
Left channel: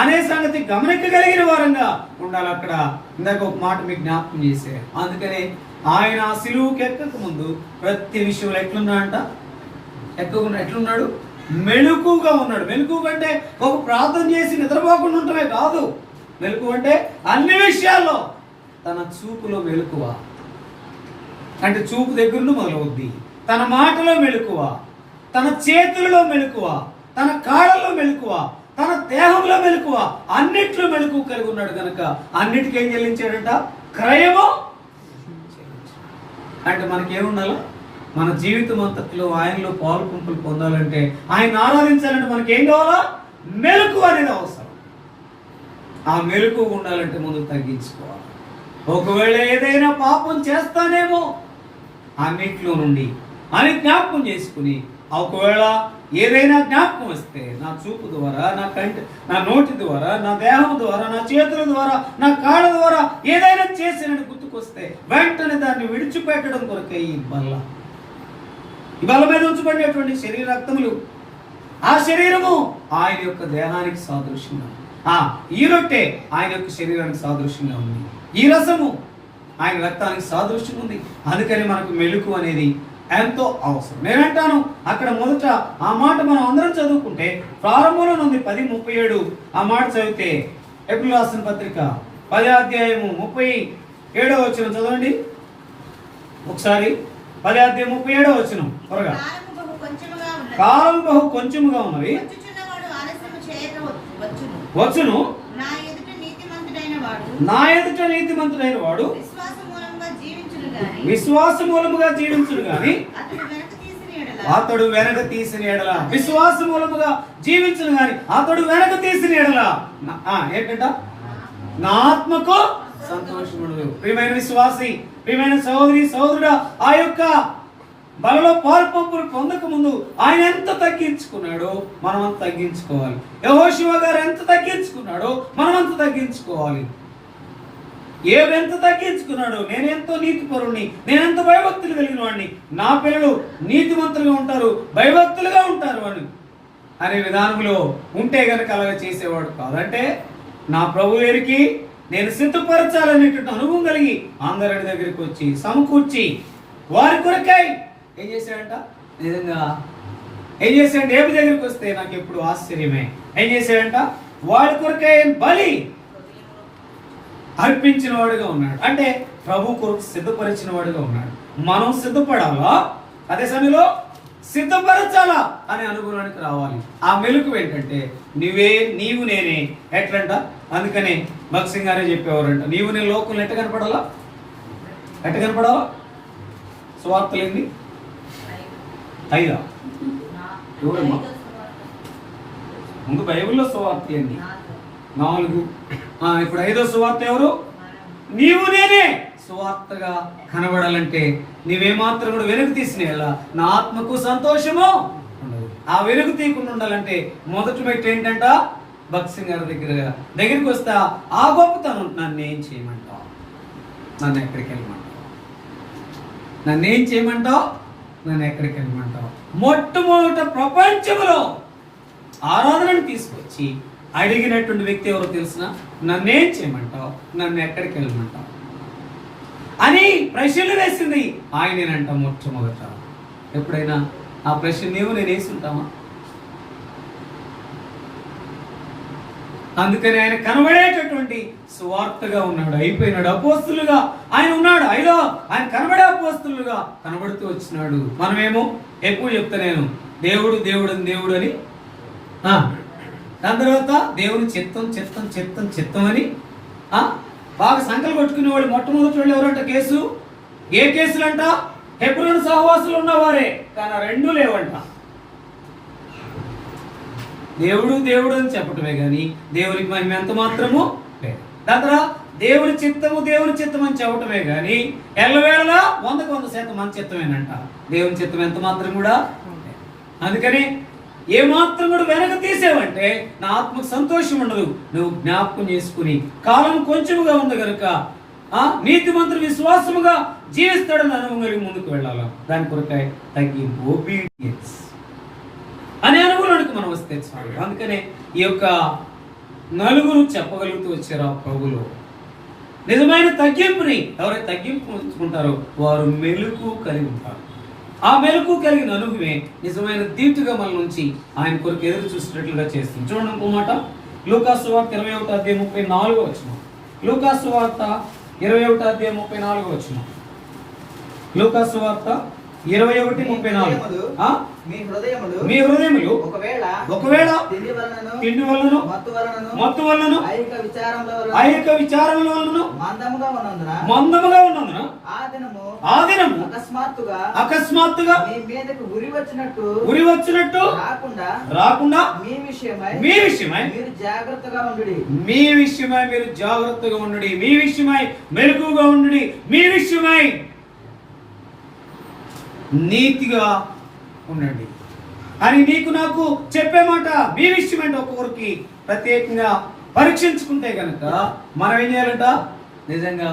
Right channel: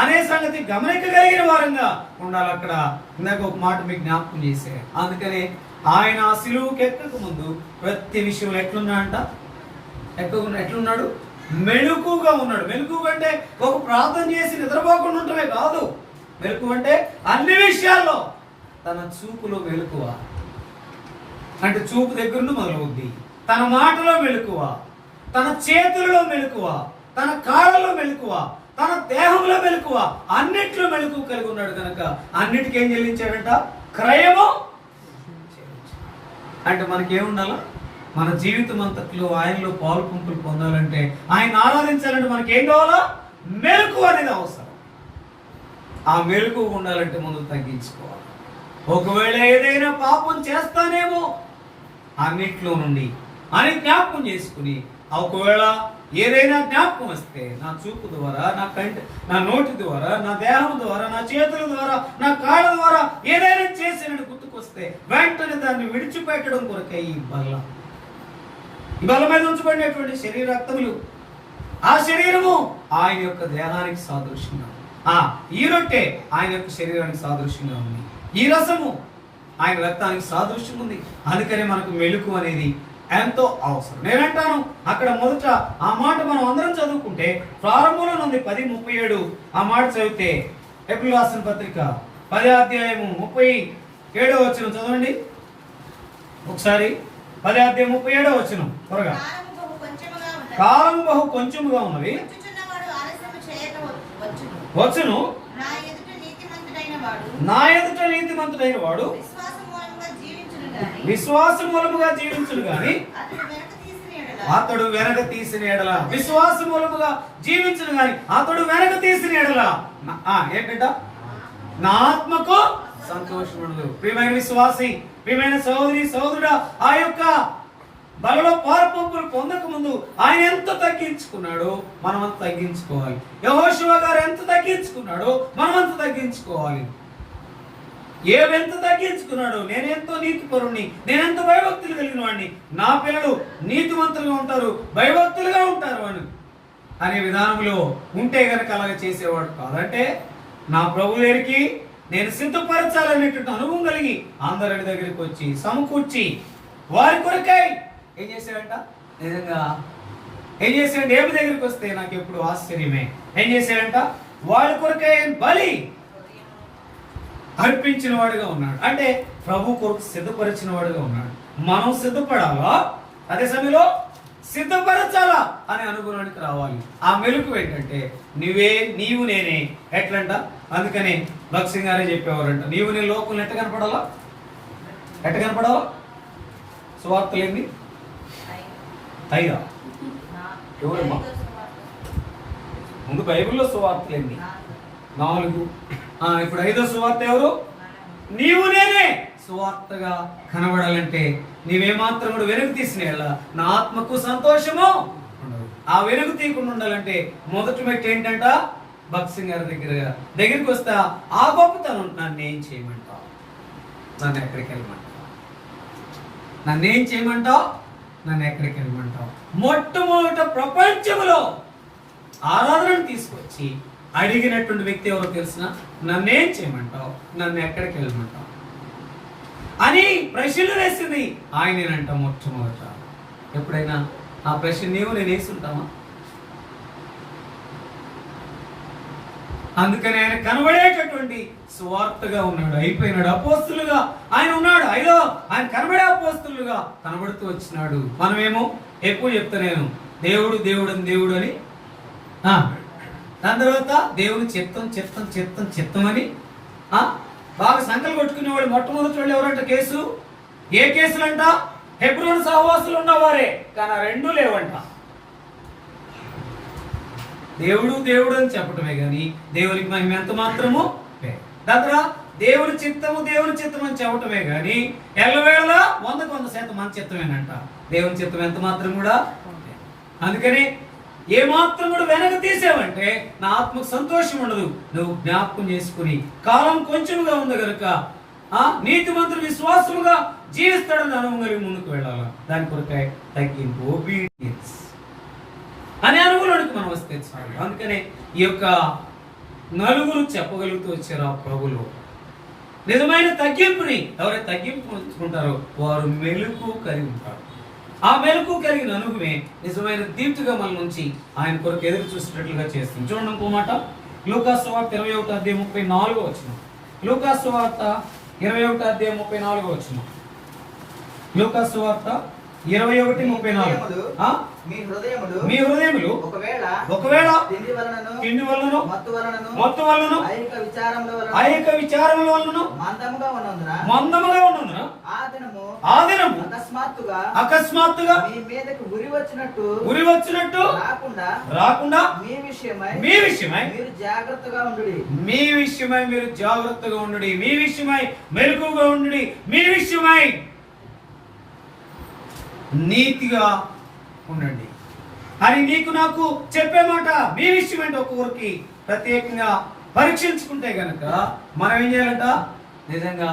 అనే సంగతి గమనించగలిగిన వారంగా ఉండాలి. అక్కడ ఇందాక ఒక మాట మీకు జ్ఞాపకం చేసే, అందుకనే ఆయన సిలువుకి ఎక్కక ముందు ప్రతి విషయంలో ఎట్లున్నాడు? మెలకుగా ఉన్నాడు. మెలకు అంటే ఒక ప్రార్థన చేసి నిద్రపోకుండా ఉండటమే కాదు. మెలకు అంటే అన్ని విషయాల్లో తన చూపులో మెలకువ, అంటే చూపు దగ్గర మొదలవుద్ది. తన మాటలో మెలకువ, తన చేతులలో మెలకువ, తన కాళ్ళలో మెలకువ, తన దేహంలో మెలకువ, అన్నిట్లో మెలకువ కలిగి ఉన్నాడు కనుక అన్నిటికీ ఏం చెల్లించాడట? క్రయము. అంటే మనకేముండాలి? మన జీవితం అంతట్లో ఆయనలో పాలు పంపులు పొందాలంటే, ఆయన ఆరాధించాలంటే మనకేం కావాలా? మెలకువ అనేది అవసరం. ఆ మెలకువ ఉండాలంటే ముందు తగ్గించుకోవాలి. ఒకవేళ ఏదైనా పాపం చేస్తానేమో అన్నిట్లో నుండి అని జ్ఞాపకం చేసుకుని, ఒకవేళ ఏదైనా జ్ఞాపకం వస్తే నా చూపు ద్వారా, నా నోటి ద్వారా, నా దేహం ద్వారా, నా చేతుల ద్వారా, నా కాళ్ళ ద్వారా ఏదైనా చేసినట్టు గుర్తుకొస్తే వెంటనే దాన్ని విడిచిపెట్టడం కొరకే ఈ బల్ల మీద ఉంచబడినటువంటి శరీర రక్తములు. ఆ శరీరము ఆయన యొక్క దేహానికి సాదృశ్యంగా ఉంది. ఈ రొట్టె ఆయన యొక్క శరీరానికి సాదృశ్యంగా ఉంది. ఈ రసము ఆయన రక్తానికి సాదృశ్యం ఉంది. అందుకని మనకు మెలుకు అనేది ఎంతో అవసరం. నేనంటాను అక్కడ మొదట ఆ మాట మనం అందరం చదువుకుంటే ప్రారంభంలో ఉంది 10:37. ఆ మాట చదివితే హెబ్రీయులకు రాసిన పత్రిక 10వ అధ్యాయము 37వ వచనం చదవండి ఒకసారి. 10వ అధ్యాయం 37వ వచనం త్వరగా. కాలం బహు కొంచెముగా ఉన్నది, వచ్చును నా ఎదుట నీతిమంతుడైన వాడు విశ్వాస మూలముగా జీవించుడు గాని అతడు వెనక తీసిన ఎడల, విశ్వాస మూలముగా జీవించిన గాని అతడు వెనక తీసిన ఎడల ఏంటంట, నా ఆత్మకు సంతోషముండదు. ప్రియమైన విశ్వాసి, ప్రియమైన సహోదరి సహోదరుడా, ఆ యొక్క బలలో పాల్పంపులు పొందక ముందు ఆయన ఎంత తగ్గించుకున్నాడో మనం అంత తగ్గించుకోవాలి. యెహోషువ గారు ఎంత తగ్గించుకున్నాడో మనం అంత తగ్గించుకోవాలి. ఏవి ఎంత తగ్గించుకున్నాడు, నేనెంతో నీతిపరుణ్ణి, నేనెంత భయభక్తులు కలిగిన వాడిని, నా పిల్లలు నీతిమంతులుగా ఉంటారు, భయభక్తులుగా ఉంటారు అని అనే విధానంలో ఉంటే గనక అలాగ చేసేవాడు కాదంటే, నా ప్రభు దగ్గరికి నేను సిద్ధపరచాలనేటువంటి అనుభవం కలిగి అందరి దగ్గరికి వచ్చి సమకూర్చి వారి కొరకై ఏం చేశాడంట, నిజంగా ఏం చేశాడంటే, ఏమి దగ్గరికి వస్తే నాకు ఎప్పుడు ఆశ్చర్యమే, ఏం చేశాడంట, వారి కొరకై బలి అర్పించిన వాడుగా ఉన్నాడు. అంటే ప్రభు కొరకు సిద్ధపరిచిన వాడుగా ఉన్నాడు. మనం సిద్ధపడాలా, అదే సమయంలో సిద్ధపరచాలా అనే అనుభవానికి రావాలి. ఆ మెలుకు ఏంటంటే, నీవు నేనే ఎట్లంట, అందుకనే భగత్ సింగ్ గారే చెప్పేవారంట, నీవు నేను లోకంలో ఎట్ట కనపడాలా, ఎట్ట కనపడాలా, సువార్తలేంది 5 ఎవరమ్మా ముందు బైబిల్లో సువార్తలేంది 4. ఇప్పుడు 5వ సువార్త ఎవరు, నీవు నేనే సువార్తగా కనబడాలంటే నీవేమాత్రం కూడా వెనుక తీసినేలా నా ఆత్మకు సంతోషము ఉండదు. ఆ వెనుక తీయకుండా ఉండాలంటే మొదటి మెట్టు ఏంటంట, భగత్ సింగ్ గారి దగ్గరికి వస్తా ఆ గొప్పతనం, నన్ను ఏం చేయమంటావు, నన్ను ఎక్కడికి వెళ్ళమంటావు, నన్ను ఏం చేయమంటావు, నన్ను ఎక్కడికి వెళ్ళమంటావు. మొట్టమొదట ప్రపంచంలో ఆరాధనను తీసుకొచ్చి అడిగినటువంటి వ్యక్తి ఎవరో తెలిసిన, నన్నేం చేయమంటావు, నన్ను ఎక్కడికి వెళ్ళమంటావు అని ప్రశ్నలు వేసింది ఆయనేనంట మొట్టమొదట. ఎప్పుడైనా ఆ ప్రశ్న నేను వేసుంటామా? అందుకని ఆయన కనబడేటటువంటి సువార్తగా ఉన్నాడు, అయిపోయినాడు. అపోస్తులుగా ఆయన ఉన్నాడు, ఆయన కనబడే అపోస్తులుగా కనబడుతూ వచ్చినాడు. మనమేమో ఎక్కువ చెప్తా, నేను దేవుడు దేవుడు అని దేవుడు అని, దాని తర్వాత దేవుని చిత్తం చిత్తం చిత్తం చిత్తం అని బాగా సంకలు కొట్టుకునే వాళ్ళు మొట్టమొదటి వాళ్ళు ఎవరంట, కేసు ఏ కేసులు అంట, హెబ్రోను సహవాసులు ఉన్నవారే, కానీ 2 లేవంట. దేవుడు దేవుడు అని చెప్పటమే గాని దేవునికి మహిమ ఎంత మాత్రము లేదు. దాని దేవుని చిత్తము దేవుని చిత్తం అని చెప్పటమే గాని ఎల్లవేళలా 100% మన చిత్తమేనంట. దేవుని చిత్తం ఎంత మాత్రం కూడా. అందుకని ఏ మాత్రం కూడా వెనక తీసేవంటే నా ఆత్మకు సంతోషం ఉండదు. నువ్వు జ్ఞాపకం చేసుకుని కాలం కొంచెముగా ఉంది కనుక నీతిమంతుడు విశ్వాసముగా జీవిస్తాడని అనుభవం కలిగి ముందుకు వెళ్ళాలి. దాని కొరకాయ తగ్గింపు, ఒబీడియన్స్ అనే అనుభవానికి మనం వస్తే చాలు. అందుకనే ఈ యొక్క నలుగురు చెప్పగలుగుతూ వచ్చారు ఆ ప్రభులో. నిజమైన తగ్గింపుని ఎవరైతే తగ్గింపు ఉంచుకుంటారో వారు మెలుకు కలిగి ఉంటారు. ఆ మెలకు కలిగిన అనుభవమే నిజమైన దీటుగా మన నుంచి ఆయన కొరకు ఎదురు చూసినట్లుగా చేస్తుంది. చూడండి ఇంకో మాట, లూకాసు వార్త 21:34. లూకాసు వార్త 21:34. లూకాసు వార్త 21:34. మీ హృదయములు ఒకవేళ తిండి వలనను మత్తు వలనను ఐహిక విచారముల వలనను మందముగా ఉన్నందున ఆ దినము అకస్మాత్తుగా గురి వచ్చినట్టు రాకుండా మీ విషయమై మీరు జాగ్రత్తగా ఉండుడి, మీ విషయమై మెలకువగా ఉండుడి, మీ విషయమై నీతిగా ఉండండి అని నీకు నాకు చెప్పే మాట. మీ విషయం అంటే ఒక్కొక్కరికి ప్రత్యేకంగా పరీక్షించుకుంటే గనక మనం ఏం చేయాలంట, నిజంగా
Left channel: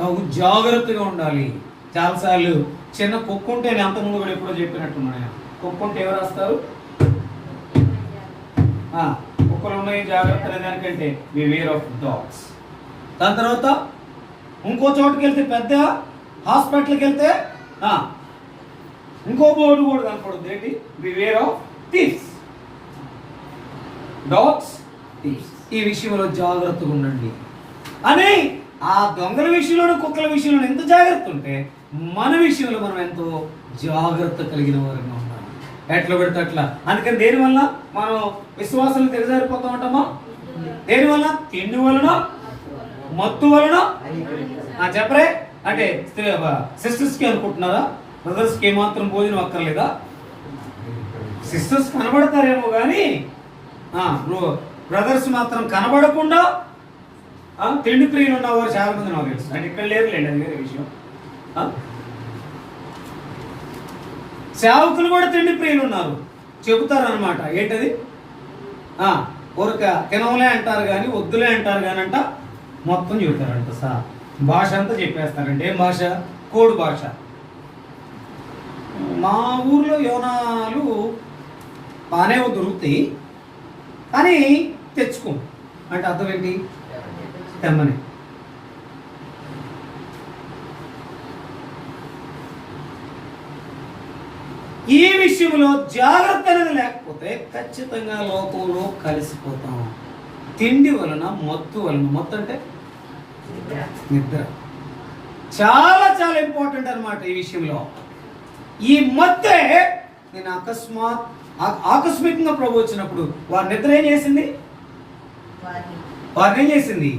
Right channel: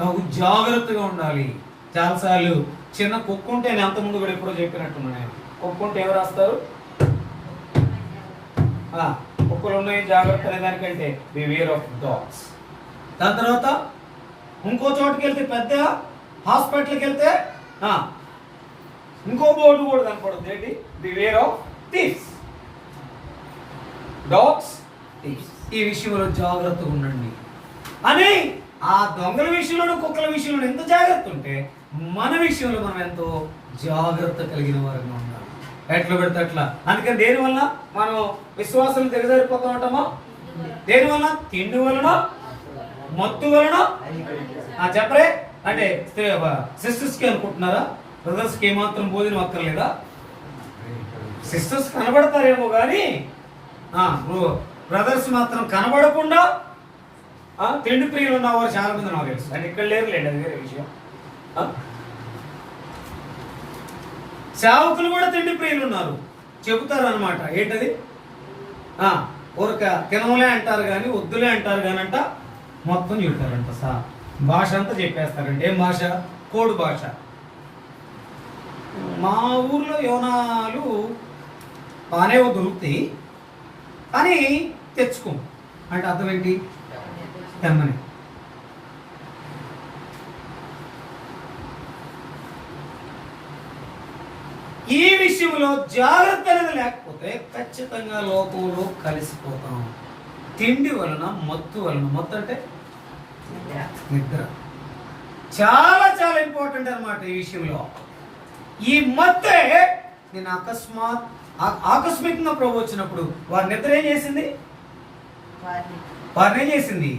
నాకు జాగ్రత్తగా ఉండాలి. చాలాసార్లు చిన్న కుక్క ఉంటే నేను అంతకుముందు కూడా ఎప్పుడో చెప్పినట్టున్నాను, కుక్క ఉంటే ఎవరు రాస్తారు, కుక్కలు ఉన్నాయి జాగ్రత్త అనే దానికంటే బివేర్ ఆఫ్ డాగ్స్. దాని తర్వాత ఇంకో చోటుకి వెళ్తే, పెద్ద హాస్పిటల్కి వెళ్తే ఇంకో బోర్డు కూడా కనపడుతుంది, ఏంటి, beware of thieves, dogs thieves. ఈ విషయంలో జాగ్రత్తగా ఉండండి అని. ఆ దొంగల విషయంలో కుక్కల విషయంలో ఎంత జాగ్రత్త ఉంటే మన విషయంలో మనం ఎంతో జాగ్రత్త కలిగిన వారంగా ఉండాలి. ఎట్లా పెడితే అట్లా. అందుకని దేనివల్ల మనం విశ్వాసాలు దిగజారిపోతూ ఉంటామా? దేనివల్ల? తిండి వలన, మత్తు వలన. చెప్పరే అంటే సిస్టర్స్కి అనుకుంటున్నారా, బ్రదర్స్కి ఏమాత్రం భోజనం అక్కర్లేదా? సిస్టర్స్ కనబడతారేమో కానీ బ్రదర్స్ మాత్రం కనబడకుండా తిండి ప్రియులు ఉన్నవారు చాలా మంది నాకు తెలుసు. అంటే ఇక్కడ లేరులేండి, అది వేరే విషయం. సేవకులు కూడా తిండి ప్రియులు ఉన్నారు, చెబుతారు అనమాట. ఏంటది? ఊరక తినవలే అంటారు కానీ వద్దులే అంటారు కానీ అంట మొత్తం చెబుతారంట. భాష అంతా చెప్పేస్తారండి. ఏం భాష? కోడ్ భాష. మా ఊర్లో యోనాలు బాగానే దొరుకుతాయి కానీ తెచ్చుకో అంటే అర్థం ఏంటి? తెమ్మని. ఈ విషయంలో జాగ్రత్త అనేది లేకపోతే ఖచ్చితంగా లోకంలో కలిసిపోతాం. తిండి వలన, మత్తు వలన. మత్తు అంటే నిద్ర. చాలా చాలా ఇంపార్టెంట్ అన్నమాట ఈ విషయంలో. ఈ మత్తే నేను ఆకస్మికంగా ప్రభు వచ్చినప్పుడు వారి నిద్ర ఏం చేసింది? వారిని ఏం చేసింది?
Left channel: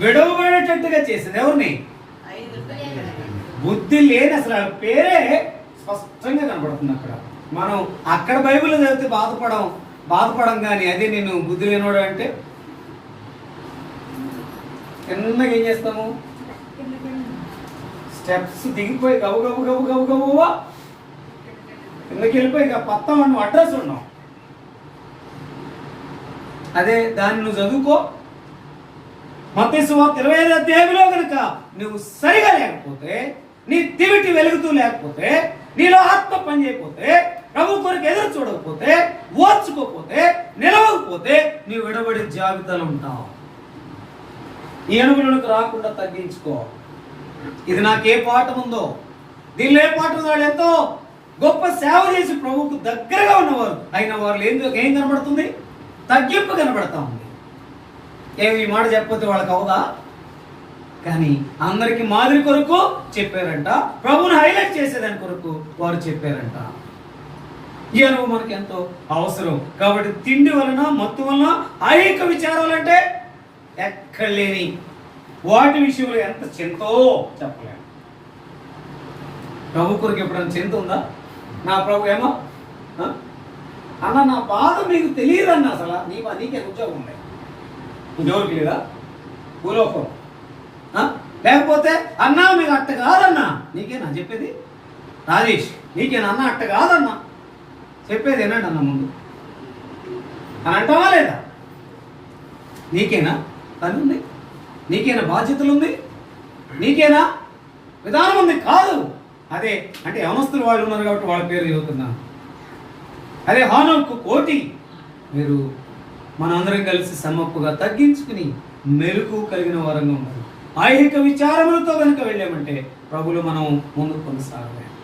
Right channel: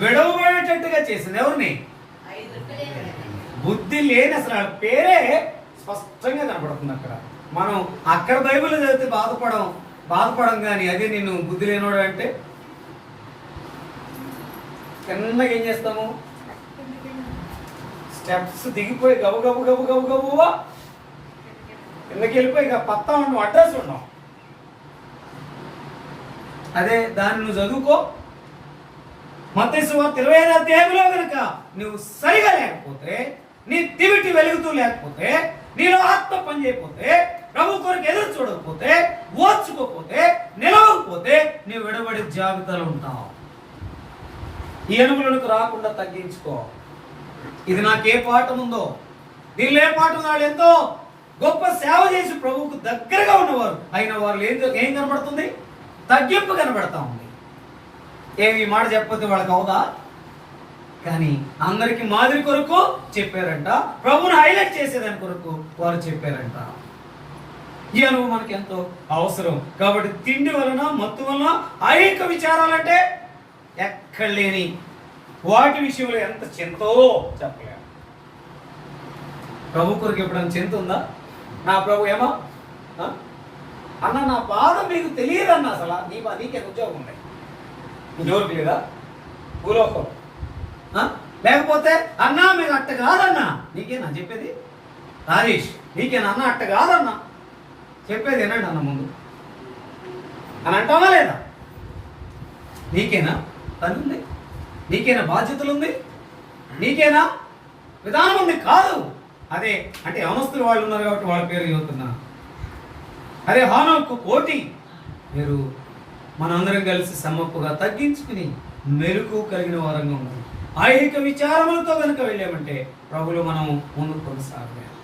విడవబడేటట్టుగా చేసింది. ఎవరిని? బుద్ధి లేని, అసలు ఆ పేరే స్పష్టంగా కనపడుతుంది అక్కడ. మనం అక్కడ బైబిల్ చదివితే బాధపడం కానీ అదే నేను బుద్ధి లేనివాడు అంటే చిన్నగా ఏం చేస్తాము? స్టెప్స్ దిగిపోయి గబు గబు గబు గబు గబువా కిందకి వెళ్ళిపోయి ఇక పత్తా నువ్వు అడ్రస్ ఉన్నావు. అదే దాన్ని నువ్వు చదువుకో. మత్తయి సువార్త 25వ అధ్యాయంలో కనుక నువ్వు సరిగా లేకపోతే, నీ దివిటి వెలుగుతూ లేకపోతే, నీలో ఆత్మ పని చేయకపోతే, ప్రభు కొరకు ఎదురు చూడకపోతే, ఓర్చుకోకపోతే, నిలవకపోతే నీవు విడబడి జాబితాలో ఉంటావు. ఈ అనుభవాలకు రాకుండా తగ్గించుకో. ఇది నాకే పాఠం ఉందో, దీనిలో ఏ పాఠం వాళ్ళు ఎంతో గొప్ప సేవ చేసి ప్రభువుకు దగ్గరగా ఉన్నవారు అయిన వాళ్ళు ఏం కనబడుతుంది? తగ్గింపు కనబడతా ఉంది. ఏమి ఈ మాట చెప్పకపోతే వాళ్ళకి అవుదా? కానీ అందరికి మాదిరి కొరకు చెప్పారంట, ప్రభువుని హైలైట్ చేసేదాని కొరకు వారు చెప్పారంట. ఈ అనుభవం మనకి ఎంతో అవసరం. కాబట్టి తిండి వలన, మత్తు వలన అనేక విచారాలంటే ఎక్కడ లేని వాటి విషయంలో ఎంత చింతో చెప్పలేము. ప్రభు కొరకు ఎప్పుడైనా చింత ఉందా? నా ప్రభు ఏమో అన్న నా బాధ మీకు తెలియదన్న, అసలు నీకే ఉద్యోగం ఉన్నాయి, ఇంకెవరికి లేదా భూలోకం? లేకపోతే అన్నా మీకు అట్ట కాదన్నా, నీకేనా చెప్పేది? రాజేష్ నీకేనా అన్న అట్ట కాదన్నా చెప్పేది ఏనండి అన్న ముందు అని అంటావా లేదా? నీకేనా పని ఉంది? నీకేనా బాధ్యతలు ఉంది? నీకేనా విధానం ఉంది? కాదు. అదే అంటే యవనస్తులు వాళ్ళు ఉన్నారు కాబట్టి వాళ్ళ పేరు చదువుతున్నా. అదే హానోకు కోటి మీరు మనందరం కలిసి సమ్మప్పుగా తగ్గించుకుని మెలకు కలిగిన వారంగా ఉన్నారు. ఐహిక విచారములతో కనుక వెళ్ళామంటే ప్రభులు మనం ముందుకు కొనసాగలేము.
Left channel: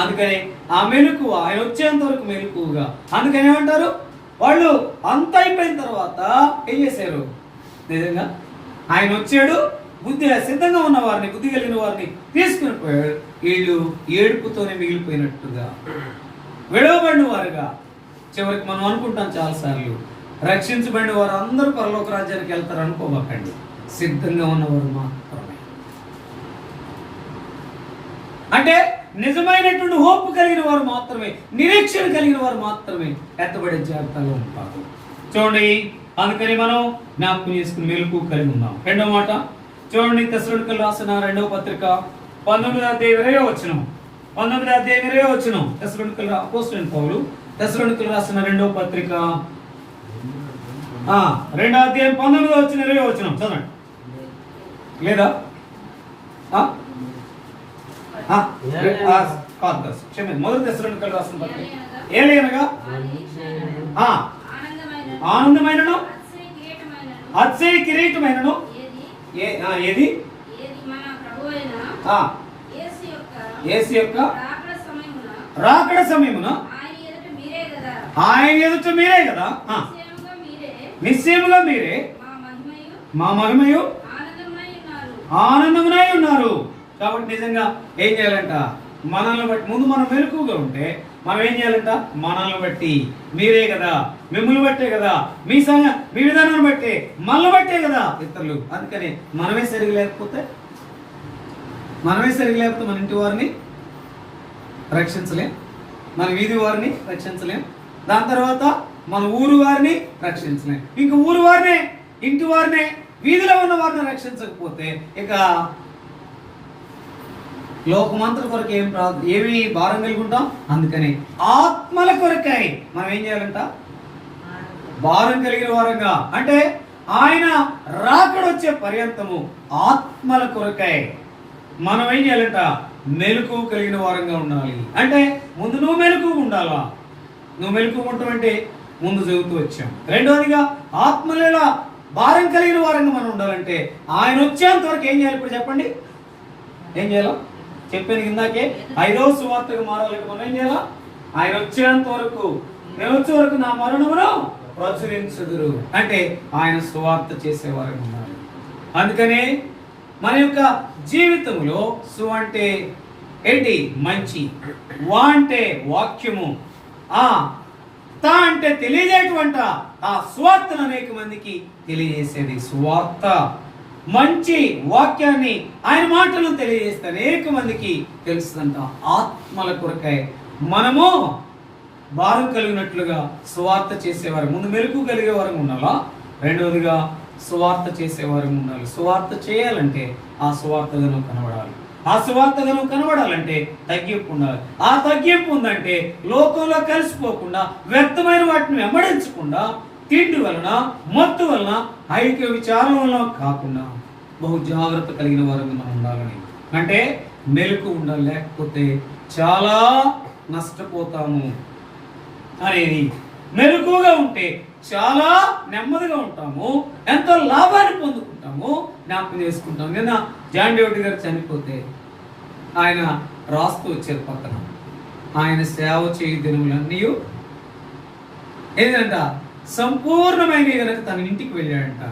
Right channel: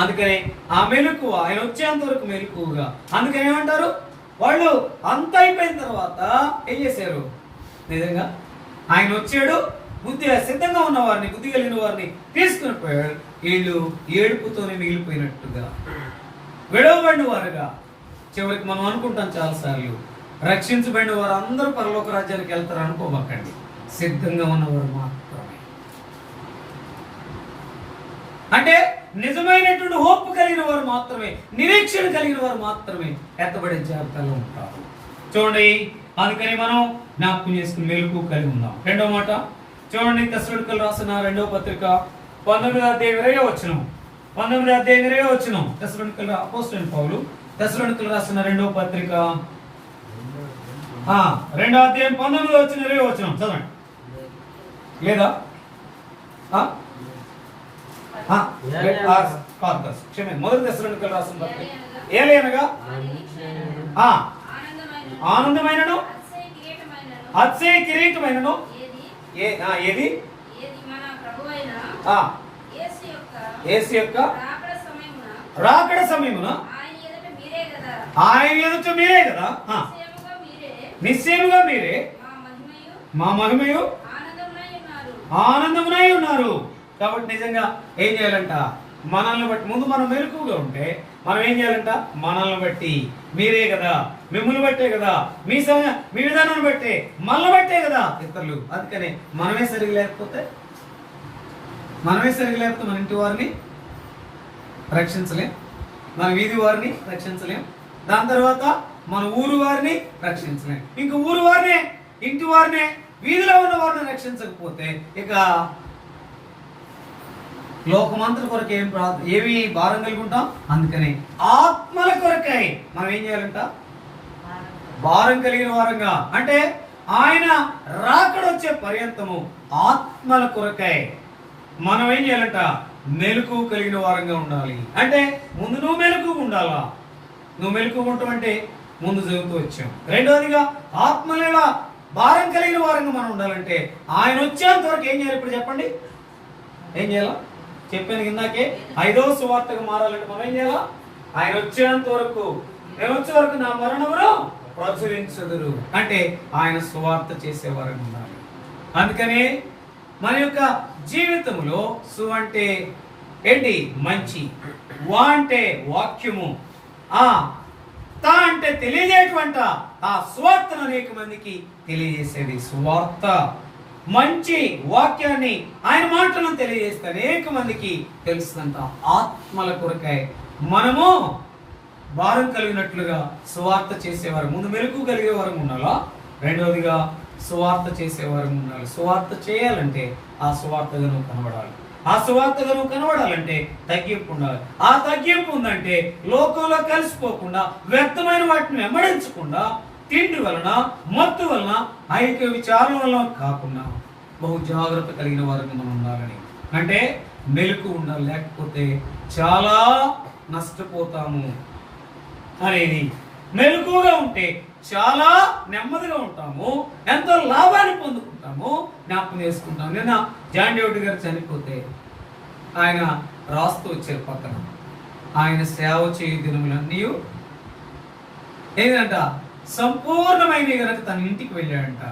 అందుకనే ఆ మెలకు ఆయన వచ్చేంత వరకు మెలకుగా. అందుకని ఏమంటారు వాళ్ళు? అంత అయిపోయిన తర్వాత ఏం చేశారు? నిజంగా ఆయన వచ్చాడు, బుద్ధి సిద్ధంగా ఉన్న వారిని, బుద్ధి కలిగిన వారిని తీసుకుని పోయాడు. వీళ్ళు ఏడుపుతోనే మిగిలిపోయినట్టుగా విడవబడిన వారుగా. చివరికి మనం అనుకుంటాం చాలాసార్లు, రక్షించబడిన వారు అందరూ పరలోక రాజ్యానికి వెళ్తారు అనుకోమాకండి. సిద్ధంగా ఉన్నవారు మాత్రమే. అంటే నిజమైనటువంటి హోప్ కలిగిన వారు మాత్రమే, నిరీక్షణ కలిగిన వారు మాత్రమే ఎత్తబడే జాబితాలో ఉంటారు. చూడండి, అందుకని మనం జ్ఞాపకం చేసుకుని మెలకు కలిగి ఉందాం. రెండో మాట చూడండి, తెస్సలోనికీయులకు రాసిన 2వ పత్రిక 19వ అధ్యాయం 20వ వచనం. 19వ అధ్యాయం 20వ వచనం. తెస్సలోనికీయులకు అపోస్తలుడైన పౌలు తెస్సలోనికీయులకు రాసిన 2వ పత్రిక 2వ అధ్యాయం 19వ వచనం 20వ వచనం చదవండి. లేదా క్షమించండి, మొదటి తెస్సలోనికీయులకు రాసిన పత్రిక. ఏలయనగా ఆనందమైనను అతిశయ కిరీటమైనను ఏది? యేసు యొక్క రాకడ సమయమున ఆయన ఎదుట మీరే కదా, నిశ్చయముగా మీరే మా మహిమయు ఆనందమునై ఉన్నారు. కాబట్టి నిజంగా ఏం చేయాలంట? మనల్ని బట్టి ముందు మనం మెలకుగా ఉంటే మనం ఏం చేయాలంట? మనల్ని బట్టి మీరే కదా, మిమ్మల్ని బట్టే కదా, మీ విధానాన్ని బట్టే, మనల్ని బట్టే కదా ఇతరులు. అందుకని మనమే సరిగా లేకపోతే మన ఇంటి వారిని రక్షించలేం, మన వీధి వారిని రక్షించలేం, దాని తర్వాత మన ఊరు వారిని రక్షించలేం. ఇంక ఊరు వారినే, ఇంటి వారినే, వీధిలో ఉన్న వారిని రక్షించకపోతే ఇక లోకమంతటి కొరకు ఏమి భారం కలిగి ఉంటాం. అందుకని ఆత్మల కొరకై మనం ఏం చేయాలంట? భారం కలిగిన వారంగా, అంటే ఆయన రాకడొచ్చే పర్యంతము ఆత్మల కొరకై మనం ఏం చేయాలంట? మెలకువ కలిగిన వారంగా ఉండాలి. అంటే ముందు నువ్వు మెలకువ ఉండాలా. నువ్వు మెలకువ ఉంటామంటే ముందు చదువుతూ వచ్చాం. రెండవదిగా ఆత్మలేడ భారం కలిగిన వారంగా మనం ఉండాలంటే ఆయన వచ్చేంత వరకు ఏం చేయాలి? ఇప్పుడు చెప్పండి, ఏం చేయాలా? చెప్పాను ఇందాకే, 5వ సువార్తగా మారాలంటే మనం ఏం చేయాలా? ఆయన వచ్చేంత వరకు, నేను వచ్చే వరకు నా మరణమును ప్రచురించుదురు, అంటే ఆయన సువార్త చేసేవారు ఉన్నారు. అందుకని మన యొక్క జీవితంలో సు అంటే ఏంటి? మంచి, వా అంటే వాక్యము, తా అంటే తెలియజేటువంటి ఆ సువార్తను అనేక మందికి తెలియజేసేది సువార్త. మంచి వాక్యాన్ని, ఆయన మాటలను తెలియజేస్తే అనేక మందికి తెలుస్తుందంట. ఆత్మల కొరకై మనము భారం కలిగినట్లుగా సువార్త చేసేవారు. ముందు మెలకు కలిగేవారు ఉండాలా. రెండవదిగా సువార్త చేసేవారు ఉండాలి. సువార్త చేయాలంటే ఆ సువార్తగా నువ్వు కనబడాలి. ఆ సువార్తగా నువ్వు కనబడాలంటే తగ్గింపు ఉండాలి. ఆ తగ్గింపు ఉందంటే లోకంలో కలిసిపోకుండా, వ్యక్తమైన వాటిని వెంబడించకుండా, తిండి వలన, మత్తు వలన, ఐక్య విచారం వలన కాకుండా బహు జాగ్రత్త కలిగిన వారికి మనం ఉండాలని. అంటే మెలకు ఉండాలి, లేకపోతే చాలా నష్టపోతాము అనేది. మెలకుగా ఉంటే చాలా నెమ్మదిగా ఉంటాము, ఎంతో లాభాన్ని పొందుకుంటాము, జ్ఞాపకం చేసుకుంటాము. నిన్న జాన్ డేవిడ్ గారు చనిపోతే ఆయన రాస్తూ వచ్చారు పక్కన, ఆయన సేవ చేయు దినములన్నీ ఏంటంట సంపూర్ణమైన కనుక తన ఇంటికి వెళ్ళాడంట.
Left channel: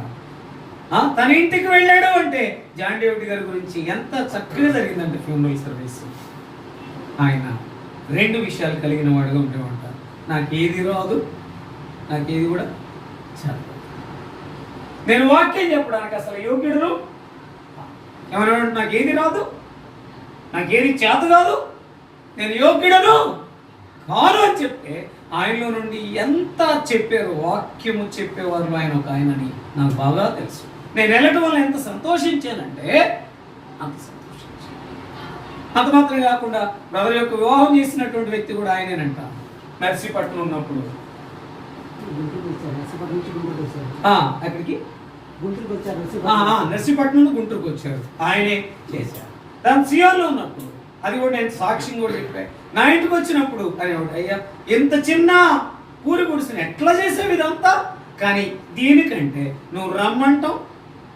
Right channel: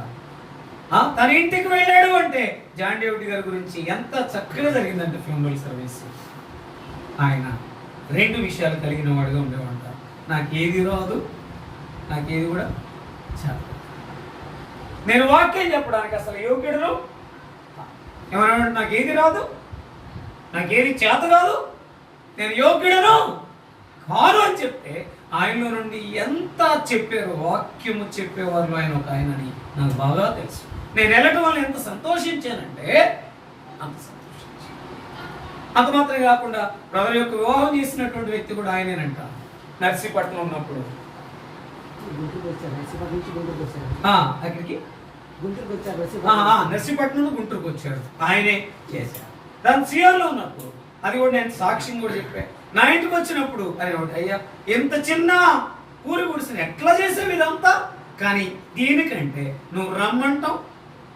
తన ఇంటికి వెళ్ళాడు అంటే జాన్ డేవిడ్ గారి గురించి ఎంత చక్కగా జరిగిందంటే ఫ్యూనరల్ సర్వీస్. ఆయన 2 విషయాలు కలిగిన వాడుగా ఉండేవాడు. నాకేది రాదు, నాకేది కూడా చెప్పదు, నేను వాక్యం చెప్పడానికి అసలు యోగ్యుడును, ఏమన్నా నాకేది రాదు, నాకేది చేత కాదు, నేను యోగ్యుడను కాదు అని చెప్తే ఆయనలో నుండి ఎంత చెప్పారు. వాక్యము చెప్పేవారు ఆయన ఒక ఆయనని నాకు బాగా తెలుసు. నేను వెళ్ళటం వల్ల ఎంత సంతోషించానంటే అంత సంతోషించాను. అంత మాత్రమే కాకుండా బ్రదర్ యొక్క వివాహం చేసినటువంటి వ్యక్తి కూడా ఆయనేనంట. నర్సీపట్నం ఉన్నప్పుడు అక్కడికి నర్సీపట్నం గుంటూరుకు వచ్చారు, ఆయనే చేశారు. దాని సియోన్లో ఉన్నప్పుడు అది కూడా నేను సాక్ష్యం కూడా చెప్పాను. నా ఇంటికి వచ్చినప్పుడు అదే ఒకటి, అయ్యా ఎంత చిన్న కూరి గుడిసిన ఎట్లా చేసావు ఇదంతా, కానీ దీనికంటే నువ్వు రమ్మంటావు,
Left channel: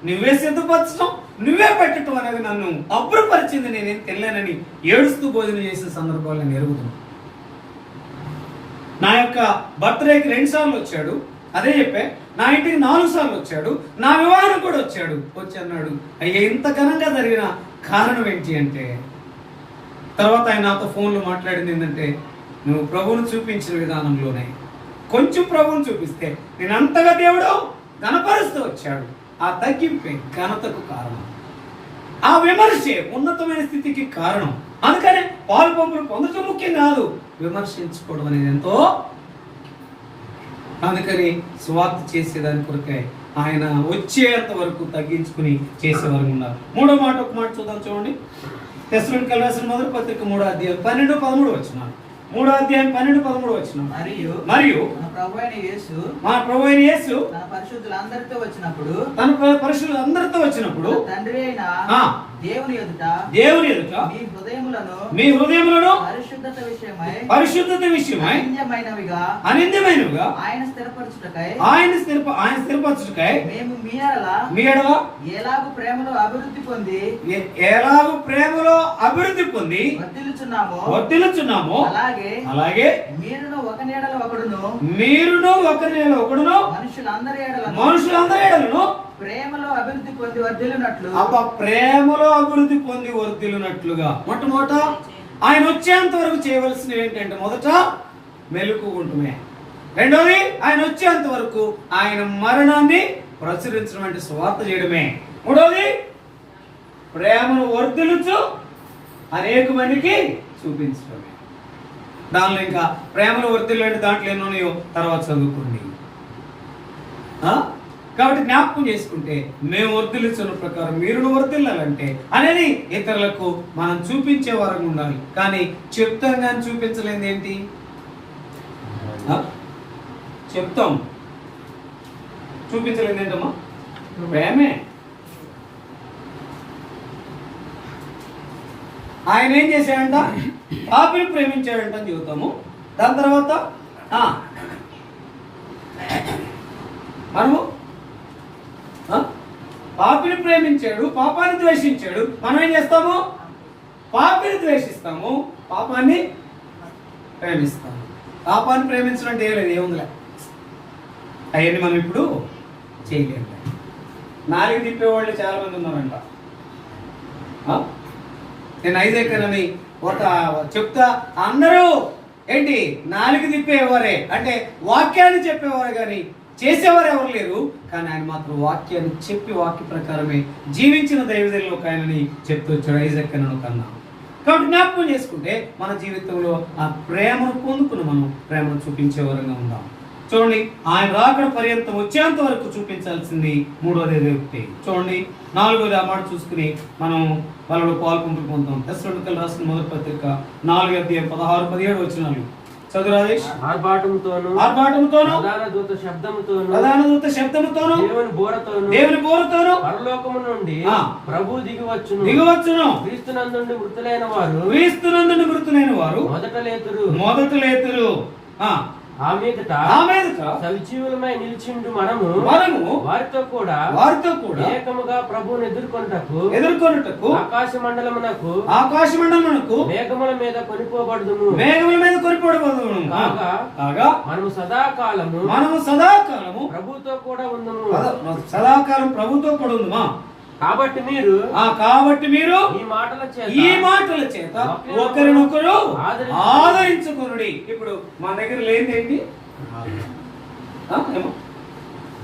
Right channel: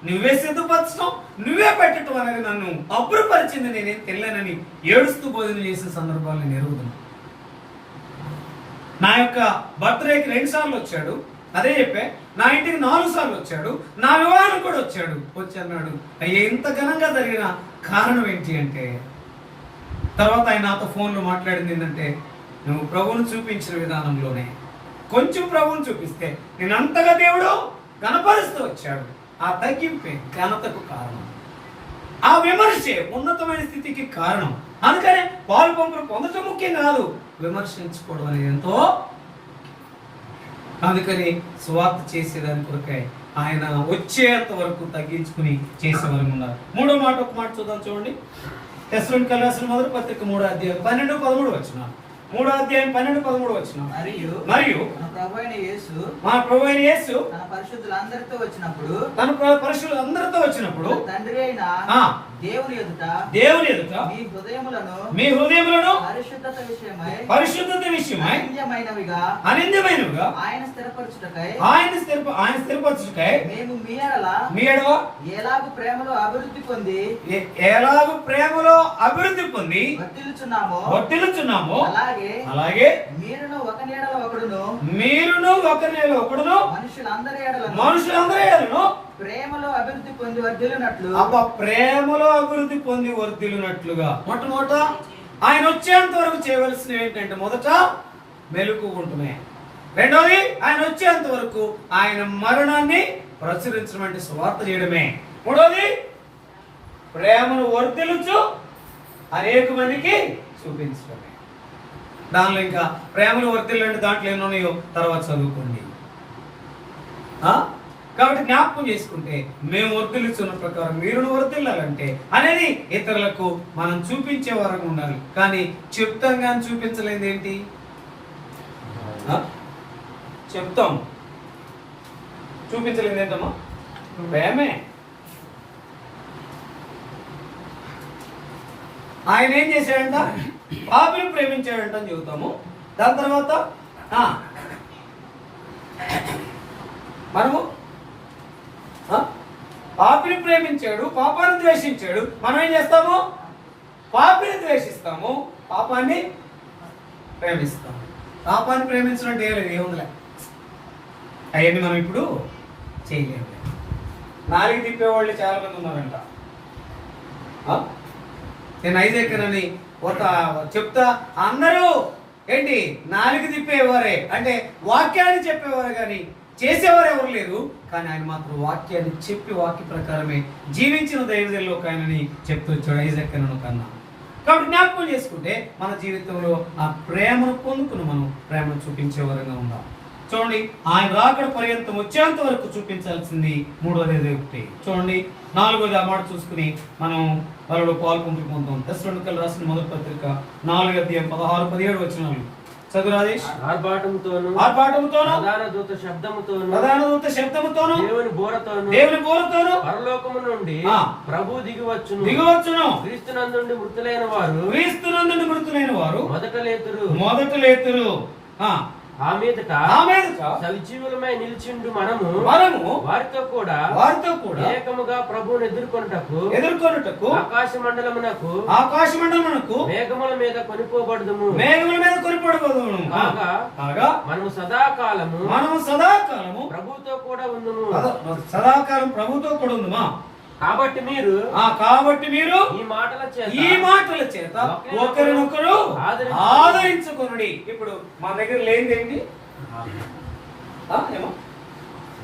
నువ్వే సిద్ధపరచడం, నువ్వే పెట్టడం అనేది నన్ను అబ్బురపరిచింది, నేనేం తెలియనని ఏడుస్తూ భోజనం చేసిన సందర్భాలు నేను ఎరుగుతున్నాను. నా యొక్క బర్త్డేకి 2 సార్లు వచ్చాడు, అదే చెప్పే. నా ఇంటికి 4 సార్లు వచ్చాడు, నా వివాహం కూడా వచ్చి అన్నాడు, అయ్యా ఇంత ఘనంగా జరిగిన కారణం ఏంటి అంటే, తర్వాత ఆయన నాతో ఫోన్లో మాట్లాడింది ఏంటంటే, నువ్వు ప్రభువును చూపించిన విధానంలోనే కొంచెం ప్రభువును చూపిస్తే నేను అంతగా దేవుడు ఘనపరుస్తూ వచ్చాడు. ఆ తగ్గింపే ఘనతకు కారణం, ఆ విమర్శే ఉన్నతమైన స్థితికి కారణం. అందుకనే పాలు పంపులు పొందటం ముఖ్యం కాదు, విమర్శించుకోవడం అనేది ఎంతో. అందుకని సువార్త చేసేదాని కొరకే ఆయన వచ్చేంత వరకు తగ్గించుకుని చేసేవారు ఉన్నారు. 3వ మాట ఒక మాట చూద్దాం, చూడండి. తెస్సలోనికీయులకు రాసిన మొదటి పత్రిక 3వ అధ్యాయం 12-13 వచనాలు. 3వ అధ్యాయం 12-13 వచనం. మరియు మన ప్రభు అయిన యేసు తన పరిశుద్ధులందరితో వచ్చినప్పుడు తండ్రి అయిన దేవుని ఎదుట మీ హృదయములను పరిశుద్ధత విషయమై అనింద్యమైనవిగా ఆయన స్థిరపరచుటకై మేము మీ ఎడల ఎలాగు ప్రేమలో అభివృద్ధి పొంది వర్ధిల్లుచున్నామో అలాగే మీరును ఒకరి నీడల ఒకడును మనుషులందరి ఎడలను ప్రేమలో అభివృద్ధి పొంది వర్ధిల్లునట్లు ప్రేమలో అభివృద్ధి పొంది వర్ధిల్లునట్లుగా. మొట్టమొదట ఆయన వచ్చేంత వరకు చేయవలసినవి ఏంటంటే, మొదట మెలకు ఉంటుమే. రెండోది ఆయన వచ్చేంత వరకు ఆయన మరణాన్ని ప్రచురించడం అంటే సువార్త చేయడమే. మూడోది ప్రేమను వర్ధిల్లుచు అనేక మందికి చూపించడమే. దానిలో ఇంకా ప్రేమను వర్తిల్లండి దాంట్లో ఎన్నోన్నాయో తర్వాత చదువుకోండి. కాబట్టి జ్ఞాపకం చేసుకుంటే మేము వర్తిల్లిస్తున్న ప్రకారం మీరు వర్తిల్లాలంటే అనేది ఇతరులకు మనం చూపించే వారంగా ఉండాలి. కానీ చెప్తాం కానీ చూపించలేదు ఏంటి? చెప్తాం చూపించలేదు ఏంటమ్మా? ప్రేమే. ఆయన ఏం చేశాడంట? పాపిని ప్రేమించాడంట అని చెబుతాము. దాని తర్వాత మనము పాపిని ప్రేమించాడు, పాపాన్ని ద్వేషించాడు. మనం ఏం చేస్తాము? పాపిని ద్వేషిస్తాము, పాపాన్ని ప్రేమిస్తాము. పాపాన్ని ప్రేమించడం అంటే లేదు, ఏముందిలే, అవన్నీ మనం ఇప్పుడు చేయలేము. నాలుగు తిప్పేవాళ్ళు చాలా మంది ఉన్నారంట. నేను ఐదేకరని ఒక చెప్తా, అందరూ ఏంటి నాలుగు తిప్పేవారే, అంటే వాక్యాన్ని చెప్పేవారు కానీ చేసేవారు ఎవరు లేరు. కానీ ఆయన మాత్రం వాక్యాన్ని చెప్పి వాక్య ప్రకారమే జీవించిన దైవజనులు ఒక ఆయనని చెప్తూ వచ్చాడు, ఐజాక్ అన్న కన్నా. కాబట్టి జ్ఞాపకం చేసుకుంటే మన జీవితంలో ఆ ప్రేమను పొందుకుని మనం ప్రేమను చూపించే వరంగా ఉందాం. చూడండి, ఆయన రాకడ పర్యంతం వచ్చేంత వరకు చూపించాల్సింది మూడోది ఒకటి. చూడండి, నాలుగోది ఆ మాట చూసుకుని మనం వాళ్ళలో పాల్పొంపులు పొందుతాం. తెస్సలోనికయులకు రాసిన మొదటి పత్రిక 4:16-17 వచనాలు చదువు రాజేష్. ఆర్భాటముతోను ప్రధాన దూత శబ్దముతోను దేవుని బోరతోను పరలోకము నుండి ప్రభు దిగివచ్చును. క్రీస్తునందుండి మృతులైన వారు మొదట లేతురు. ఆ మీదట సజీవులమై నిలిచిండు మనము వారితో కూడా ఏకముగా ప్రభువును ఎదుర్కొనుటకు ఆకాశ మండలమునకు మేఘముల మీద కొనిపోబడుదుము. కాగా మనము సదాకాలము ప్రభువుతో కూడా ఉందుము. సదాకాలం ప్రభుతో కూడా ఉందుమా. కాబట్టి మీరు ఈ మాటల చేత ఒకరినొకరు ఆదరించుకునుడి. ఇప్పుడు మా దగ్గర లేనిదేంటి?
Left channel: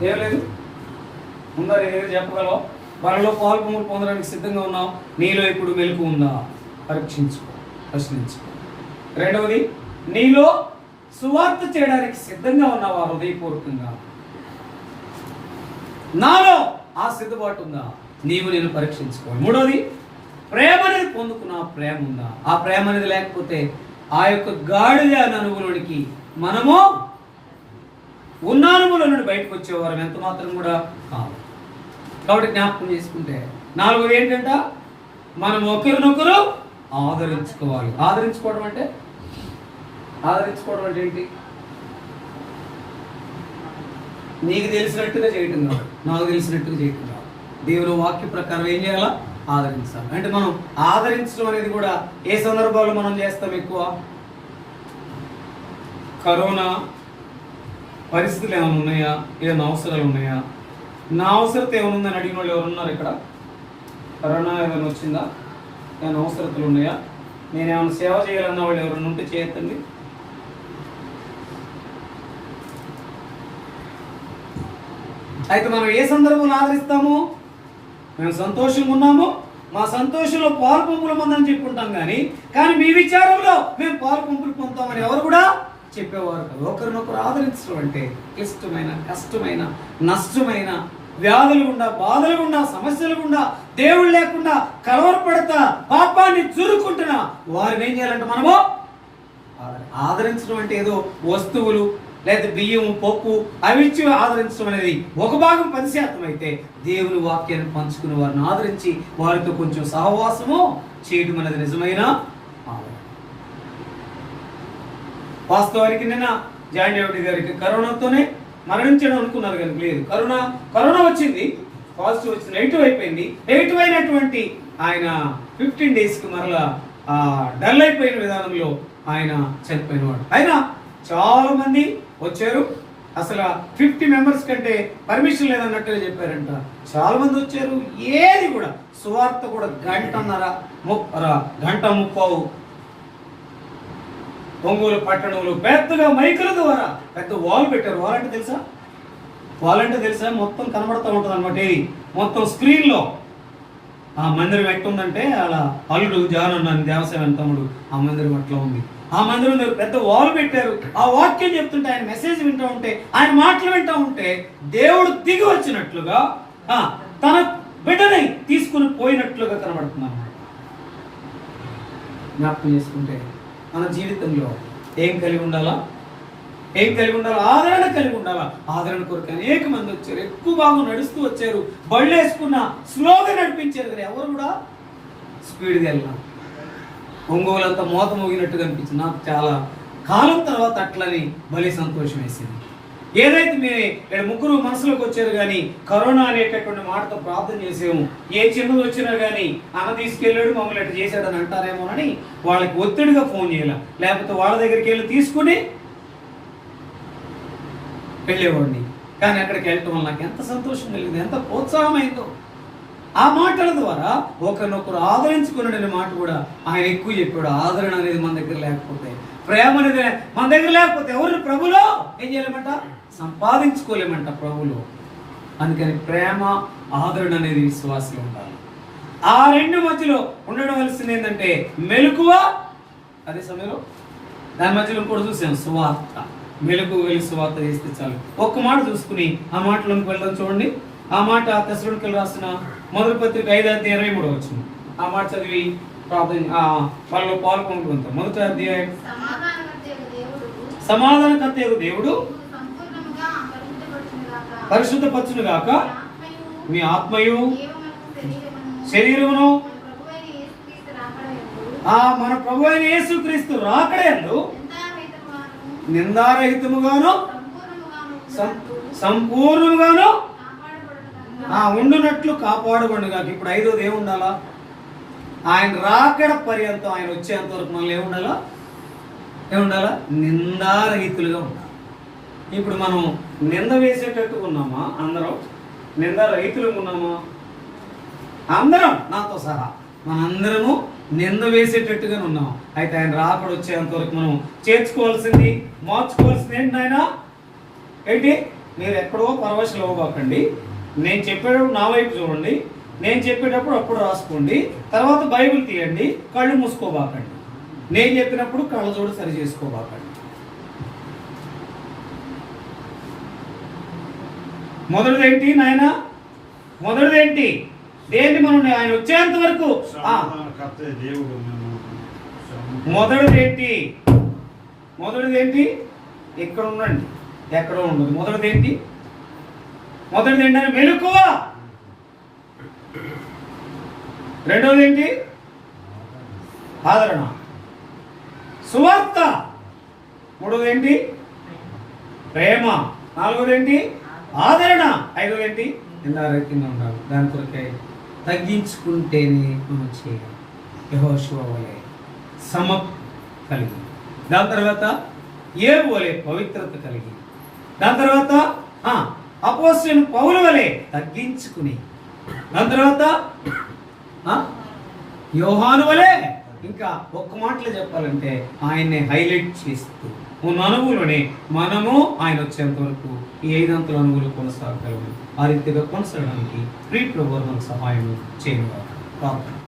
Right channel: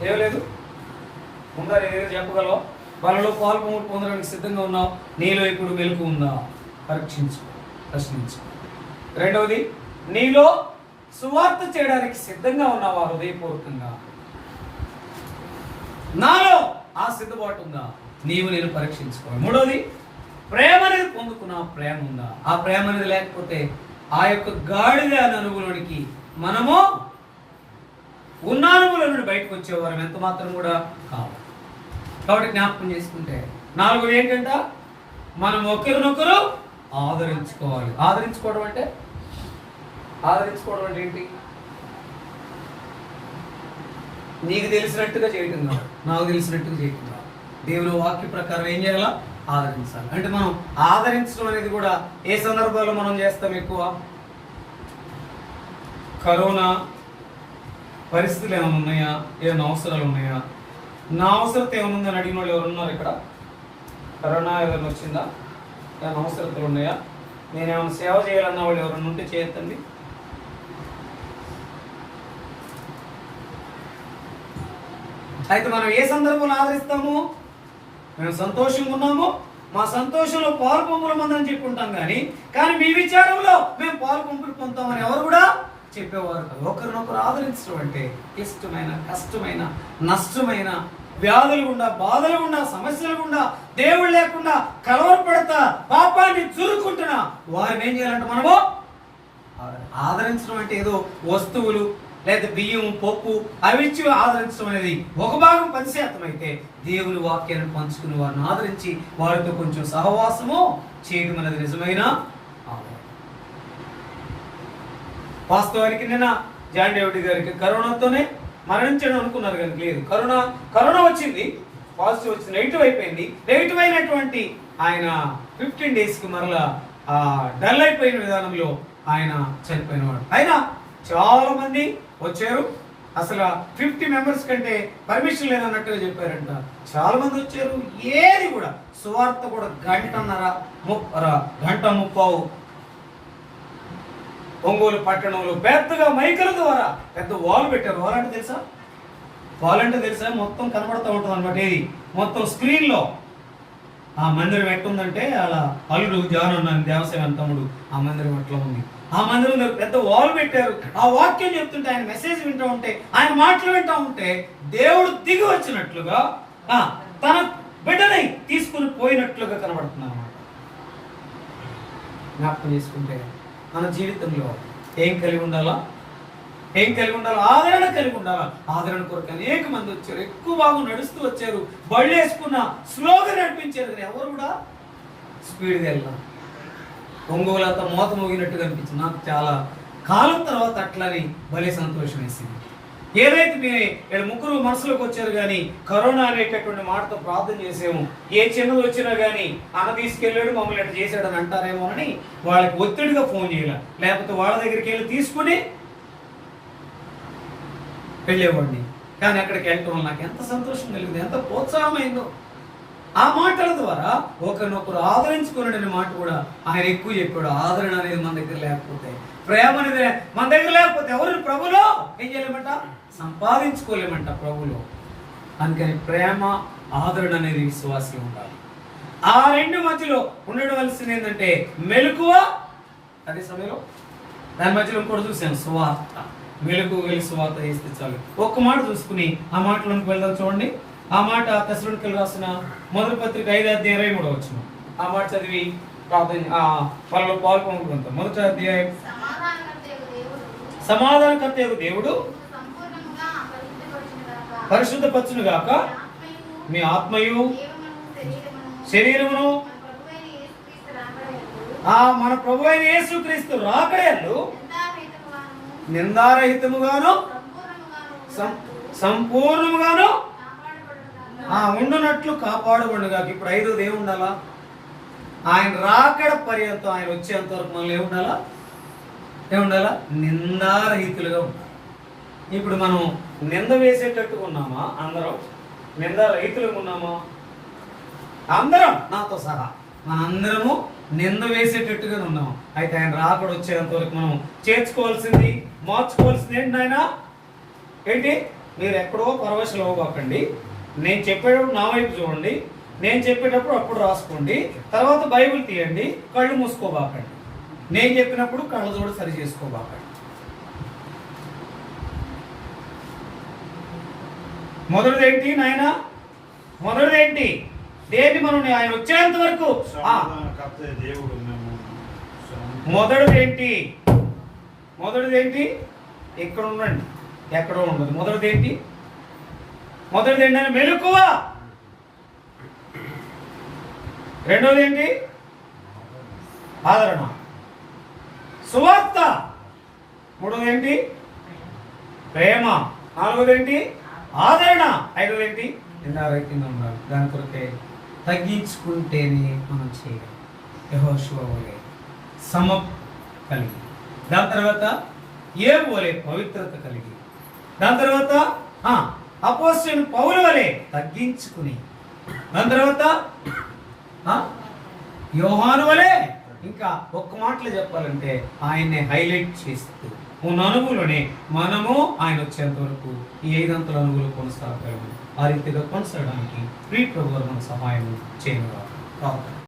ఏం లేదు, ఉందా? ఏదైనా చెప్పగలవా? వాళ్ళలో పాల్పొంగులు పొందడానికి సిద్ధంగా ఉన్నావు. నీలో ఇప్పుడు వెలుగు ఉందా? ప్రశ్నించు. రెండవది, నీలో సువార్త చేయడానికి సిద్ధంగా ఉన్నావా? హృదయపూర్వకంగా నాలో ఆ సిద్ధపాటు ఉందా? నీవు నేను పరీక్షించుకోవాలి. మూడోది, ప్రేమ అనేది పొందుకున్న ప్రేమ ఉందా? ఆ ప్రేమ అనేది లేకపోతే ఆ యొక్క గాడిద అనే అనుభవంలోనికి మనము ఉన్న అనుభవంలో నుండి బయటకు వచ్చేవారం ఎంత మాత్రం కూడా కాదు. కాబట్టి జ్ఞాపకం చేసుకుంటే నాలుగోది ఏంటంట? మనం ఒకరినొకరు ఆదరించుకోవాలి. ఆదరించుకోవడం అంటే ఏంటి? నీకు తెలిసినట్టుగా చేయటం కాదు, నాకు తెలిసినట్టుగా చేయటం కాదు. దేవుని వాక్య ప్రకారం ఏం చేయాలా? ఆదరించాలి. అంటే మనం ఆదరించడం అనేది కూడా ఏ సందర్భాల్లో మనం చేస్తాం? ఎక్కువ కరోనా పరిస్థితులు ఏమైనా ఉన్నాయా? ఏమైనా అవసరాలు ఉన్నాయా? నా అవసరత ఏమైనా ఉందని అడిగిన వాళ్ళు ఎవరు ఉన్నారు ఇక్కడ? కరోనా ఏదైనా వచ్చిందా? ఏమైనా అవసరతలు ఉన్నాయా? నేనేమైనా సేవ చేయాలన్న వాళ్ళు ఎవరైనా ఉంటే చేయొద్దండి. అయితే మనం ఏ సందర్భంలో ఆదరిస్తాము? మేము సంతోషంగా ఉన్నాము, మా సంతోషంలో పాల్పొంపులు పొందని చెప్పుకుంటాం. కానీ మీ విచారంలో మేము పాల్పొంపులు పొందుతామని ఎవరు కూడా చెప్పేవారు కాదు. ఒకరినొకరు ఆదరించడం అంటే క్లిష్టమైన, కష్టమైన, నష్టమైన, వ్యాధులు గుండా, బాధలు గుండా, సమస్యలు గుండా, దేవుడు లేకుండా కలవరపడతా పాపాన్ని చురుకుంటున్నా వారిని ఏం చేయాలంటే మనము ఆదరించడం అంటే ఏదో వస్తువులు లేదా బియ్యం, పప్పు అవి ఇచ్చి ఆదరించడం అనేది ఒక భాగం 10% అయితే, దేవుని వాక్యాన్ని పంచుకుని వారిని ఆదరించి వారితో కొంచెం సహవాసము చేయడం అనేది నిజమైన ఆదరణ. వాస్తవానికి నిన్న జాన్ డేవిడ్ గారికి కరోనాతోనే మరణించడం అనుకున్నారు కానీ లేదు. కరోనా వచ్చింది, పాజిటివ్ వచ్చింది, నెగిటివ్ అయిపోయింది. నెగిటివ్ అయినటువంటి ఆయన 15 daysకి మరలా డల్ అయిపోయిన విధానంలో ఆయన చనిపోయినవాడు. అయినా చాలా మంది వచ్చారు. అసలు 50 members కంటే పర్మిషన్ లేదన్నట్టుగా చెప్పారంట. చాలా మంది వచ్చారు. ఏది కూడా సువార్త కూడా గంట ముప్పావు ఒంగోలు పట్టణంలో పెద్దగా మైకుల ద్వారా పెద్ద వాల్ పెట్టారు. వాల్ అంటే తెలుసా? మొత్తం కనబడతా ఉంటుంది అనమాట. ఇది మొత్తం స్క్రీన్లో ఆ మందిరం ఎట్టుందంటే అలా అల్లుడు జాన్ అన్నాను దేవసేన తమ్ముడు, ఆ మందిరం అట్లా ఉంది. ఆ మందిరంలో పెద్ద వాల్ పెట్టారు. ఆ వాక్యం చెప్తుంటే, ఆయన మెసేజ్ వింటూ ఉంటే, ఆయన మాటలు వింటూ ఉంటే దేవుడు దిగి వచ్చినట్లుగా తన బిడ్డని తీసుకుని పోయినట్లుగా కనబడుతున్నాను. జ్ఞాపకం చేసుకుంటే మన జీవితంలో ఏం కలిగి ఉండాలా? ఏం కలిగి ఉండాలి? ఆదరణ కలిగి ఉండాలా? ఆదరణ కొరకు అనేక మంది వచ్చారు, ఎక్కువ బాగా నడుస్తూ వచ్చారు, బళ్ళు వేసుకున్న స్లోగా నడిపించారు. కానీ ఎవరు కూడా స్పీడ్గా వెళ్ళాం. ఒంగోలంతా మోత మోగినట్టుగా అనిపించింది. నాకు చాలా కాలం తర్వాత అట్లని భలే సంతోషం వేసింది. ఏదైతే మీరు ఇక్కడ ముగ్గురు మనసులోకి వచ్చారు, కానీ కరోనా అనేటటువంటి మాటతో ప్రార్థన చేసాము. ఏ చిన్నది వచ్చినా కానీ అన్న తీసుకెళ్ళాడు, మమ్మల్ని ఎట్లా చేశాడు అని అంటారేమో అని వాళ్ళకి ఒత్తిడిగా ఫోన్ చేయాలి, లేకపోతే వాళ్ళ దగ్గరికి వెళ్ళి తీసుకుని వెళ్ళేవాడిని. కానీ అక్కడికి వెళ్ళటం వల్ల నాకు ఎంత సంతోషం కలిగింది, ఎంత ప్రోత్సాహమైందో. ఆ మాటల ద్వారా ఒకరినొకరు ఆదరించుకునే మాట కూడా ఆయన ఎక్కువ చెప్పాడు. ఆదరణ అనేది మన దగ్గర లేకపోతే, ప్రేమ అనేది మన దగ్గర లేకపోతే ఎవరిని ప్రభులో ఏం చేయలేమంట? సంపాదించుకోలేమంట ప్రభులో. అందుకని ప్రేమ, ఆదరణ అనేది విశ్వాసం ఉండాలి. ఆ రెండు మధ్యలో ఉండవలసింది ఏంటంటే మెలకువ. అదే సమయంలో దాని మధ్యలో ఇంకోటి చూసాను, సువార్త. మెలకు వెళ్ళి సువార్త చేస్తే చాలు. ఒక్క మాట చూసుకుని ఆ మాటలోకి వెళ్దాం. చూడండి, ఆ మాట తెస్సలోనికీయులకు రాసిన మొదటి పత్రిక 5:23 ఆ మాట చదివి వాళ్ళలో పాల్గొంటుంటాం. మొదటి అధ్యాయం. సమాధానకర్తయగు దేవుడు పరిశుద్ధపరచును గాక మీ ఆత్మయు శరీరమును మన ప్రభు అయిన యేసుక్రీస్తు రాకడయందు నిందారహితముగాను సంపూర్ణముగాను ఉండునట్లు కాపాడుకొనుగా. ఇప్పుడు 5వది ఏముండాలా? ఆయన రాకడ పర్యంతం, ఆయన వచ్చేంత వరకు మనల్ని ఏముండాలా? నిందారహితులుగా ఉండాలి. ఇప్పుడు మనం నింద వేసేటట్టుగా ఉన్నామా? అందరం నిందారహితులుగా ఉన్నామా? అందరం, నాతో సహా మనందరము నింద వేసేటట్టుగానే ఉన్నాం. అయితే ఆయన రాకడ వచ్చేంత వరకు మనం చేర్చుకోవాల్సింది, మార్చుకోవాల్సింది ఏంటి నాయన? ఏంటి? మీరు ఎక్కడో పరవశలు అవ్వకండి. నేను చెప్పేటప్పుడు నా వైపు చూడండి, నేను చెప్పేటప్పుడు అప్పుడు రాసుకోండి, తర్వాత బైబిల్ తీయండి, కళ్ళు మూసుకోబాకండి. నేను చెప్పినప్పుడు కళ్ళ చూడ సరి చేసుకోబాకండి. మొదటిదేంటి నాయన? మొదటిదేంటి? దేన్ని మనం ఆయన వచ్చేంత వరకు మొదటిదేంటి? ఇక్కడ ఉండండి, ఎక్కడో ఉండదు. మొదటిదేంటి అని మెలకువ. రెండవది ఏంటి? ఆదరణ. సువార్త. మూడవది ఏంటి? ప్రేమ. నాలుగవది ఏంటి? ఆదరణ. ఐదవది ఏంటి? నిందారహితంగా ఉండాలి. దాని కొరకే తగ్గించుకుంటేనే మనం చేయగలం. యెహోషువ వలె కలిగి, దాని తర్వాత యేబు వలె పవిత్రత కలిగి, దాని తర్వాత అపోస్తలుడైన పౌలు వలె తగ్గించుకుని, దాని తర్వాత యోహాను వలె, ఇంకా ఒక్క మాటలో చెప్పాలంటే ఆయన్ని హైలైట్ చేస్తూ ఉన్న అనుభవంలోనే మనము ఆయన వచ్చేంత వరకు ఈ 5 అంతల అనుభూలు కొనసాగగలము. ఆ రీతిగా కొనసాగడానికి ప్రియ ప్రభువు మనకు సహాయం చేయను.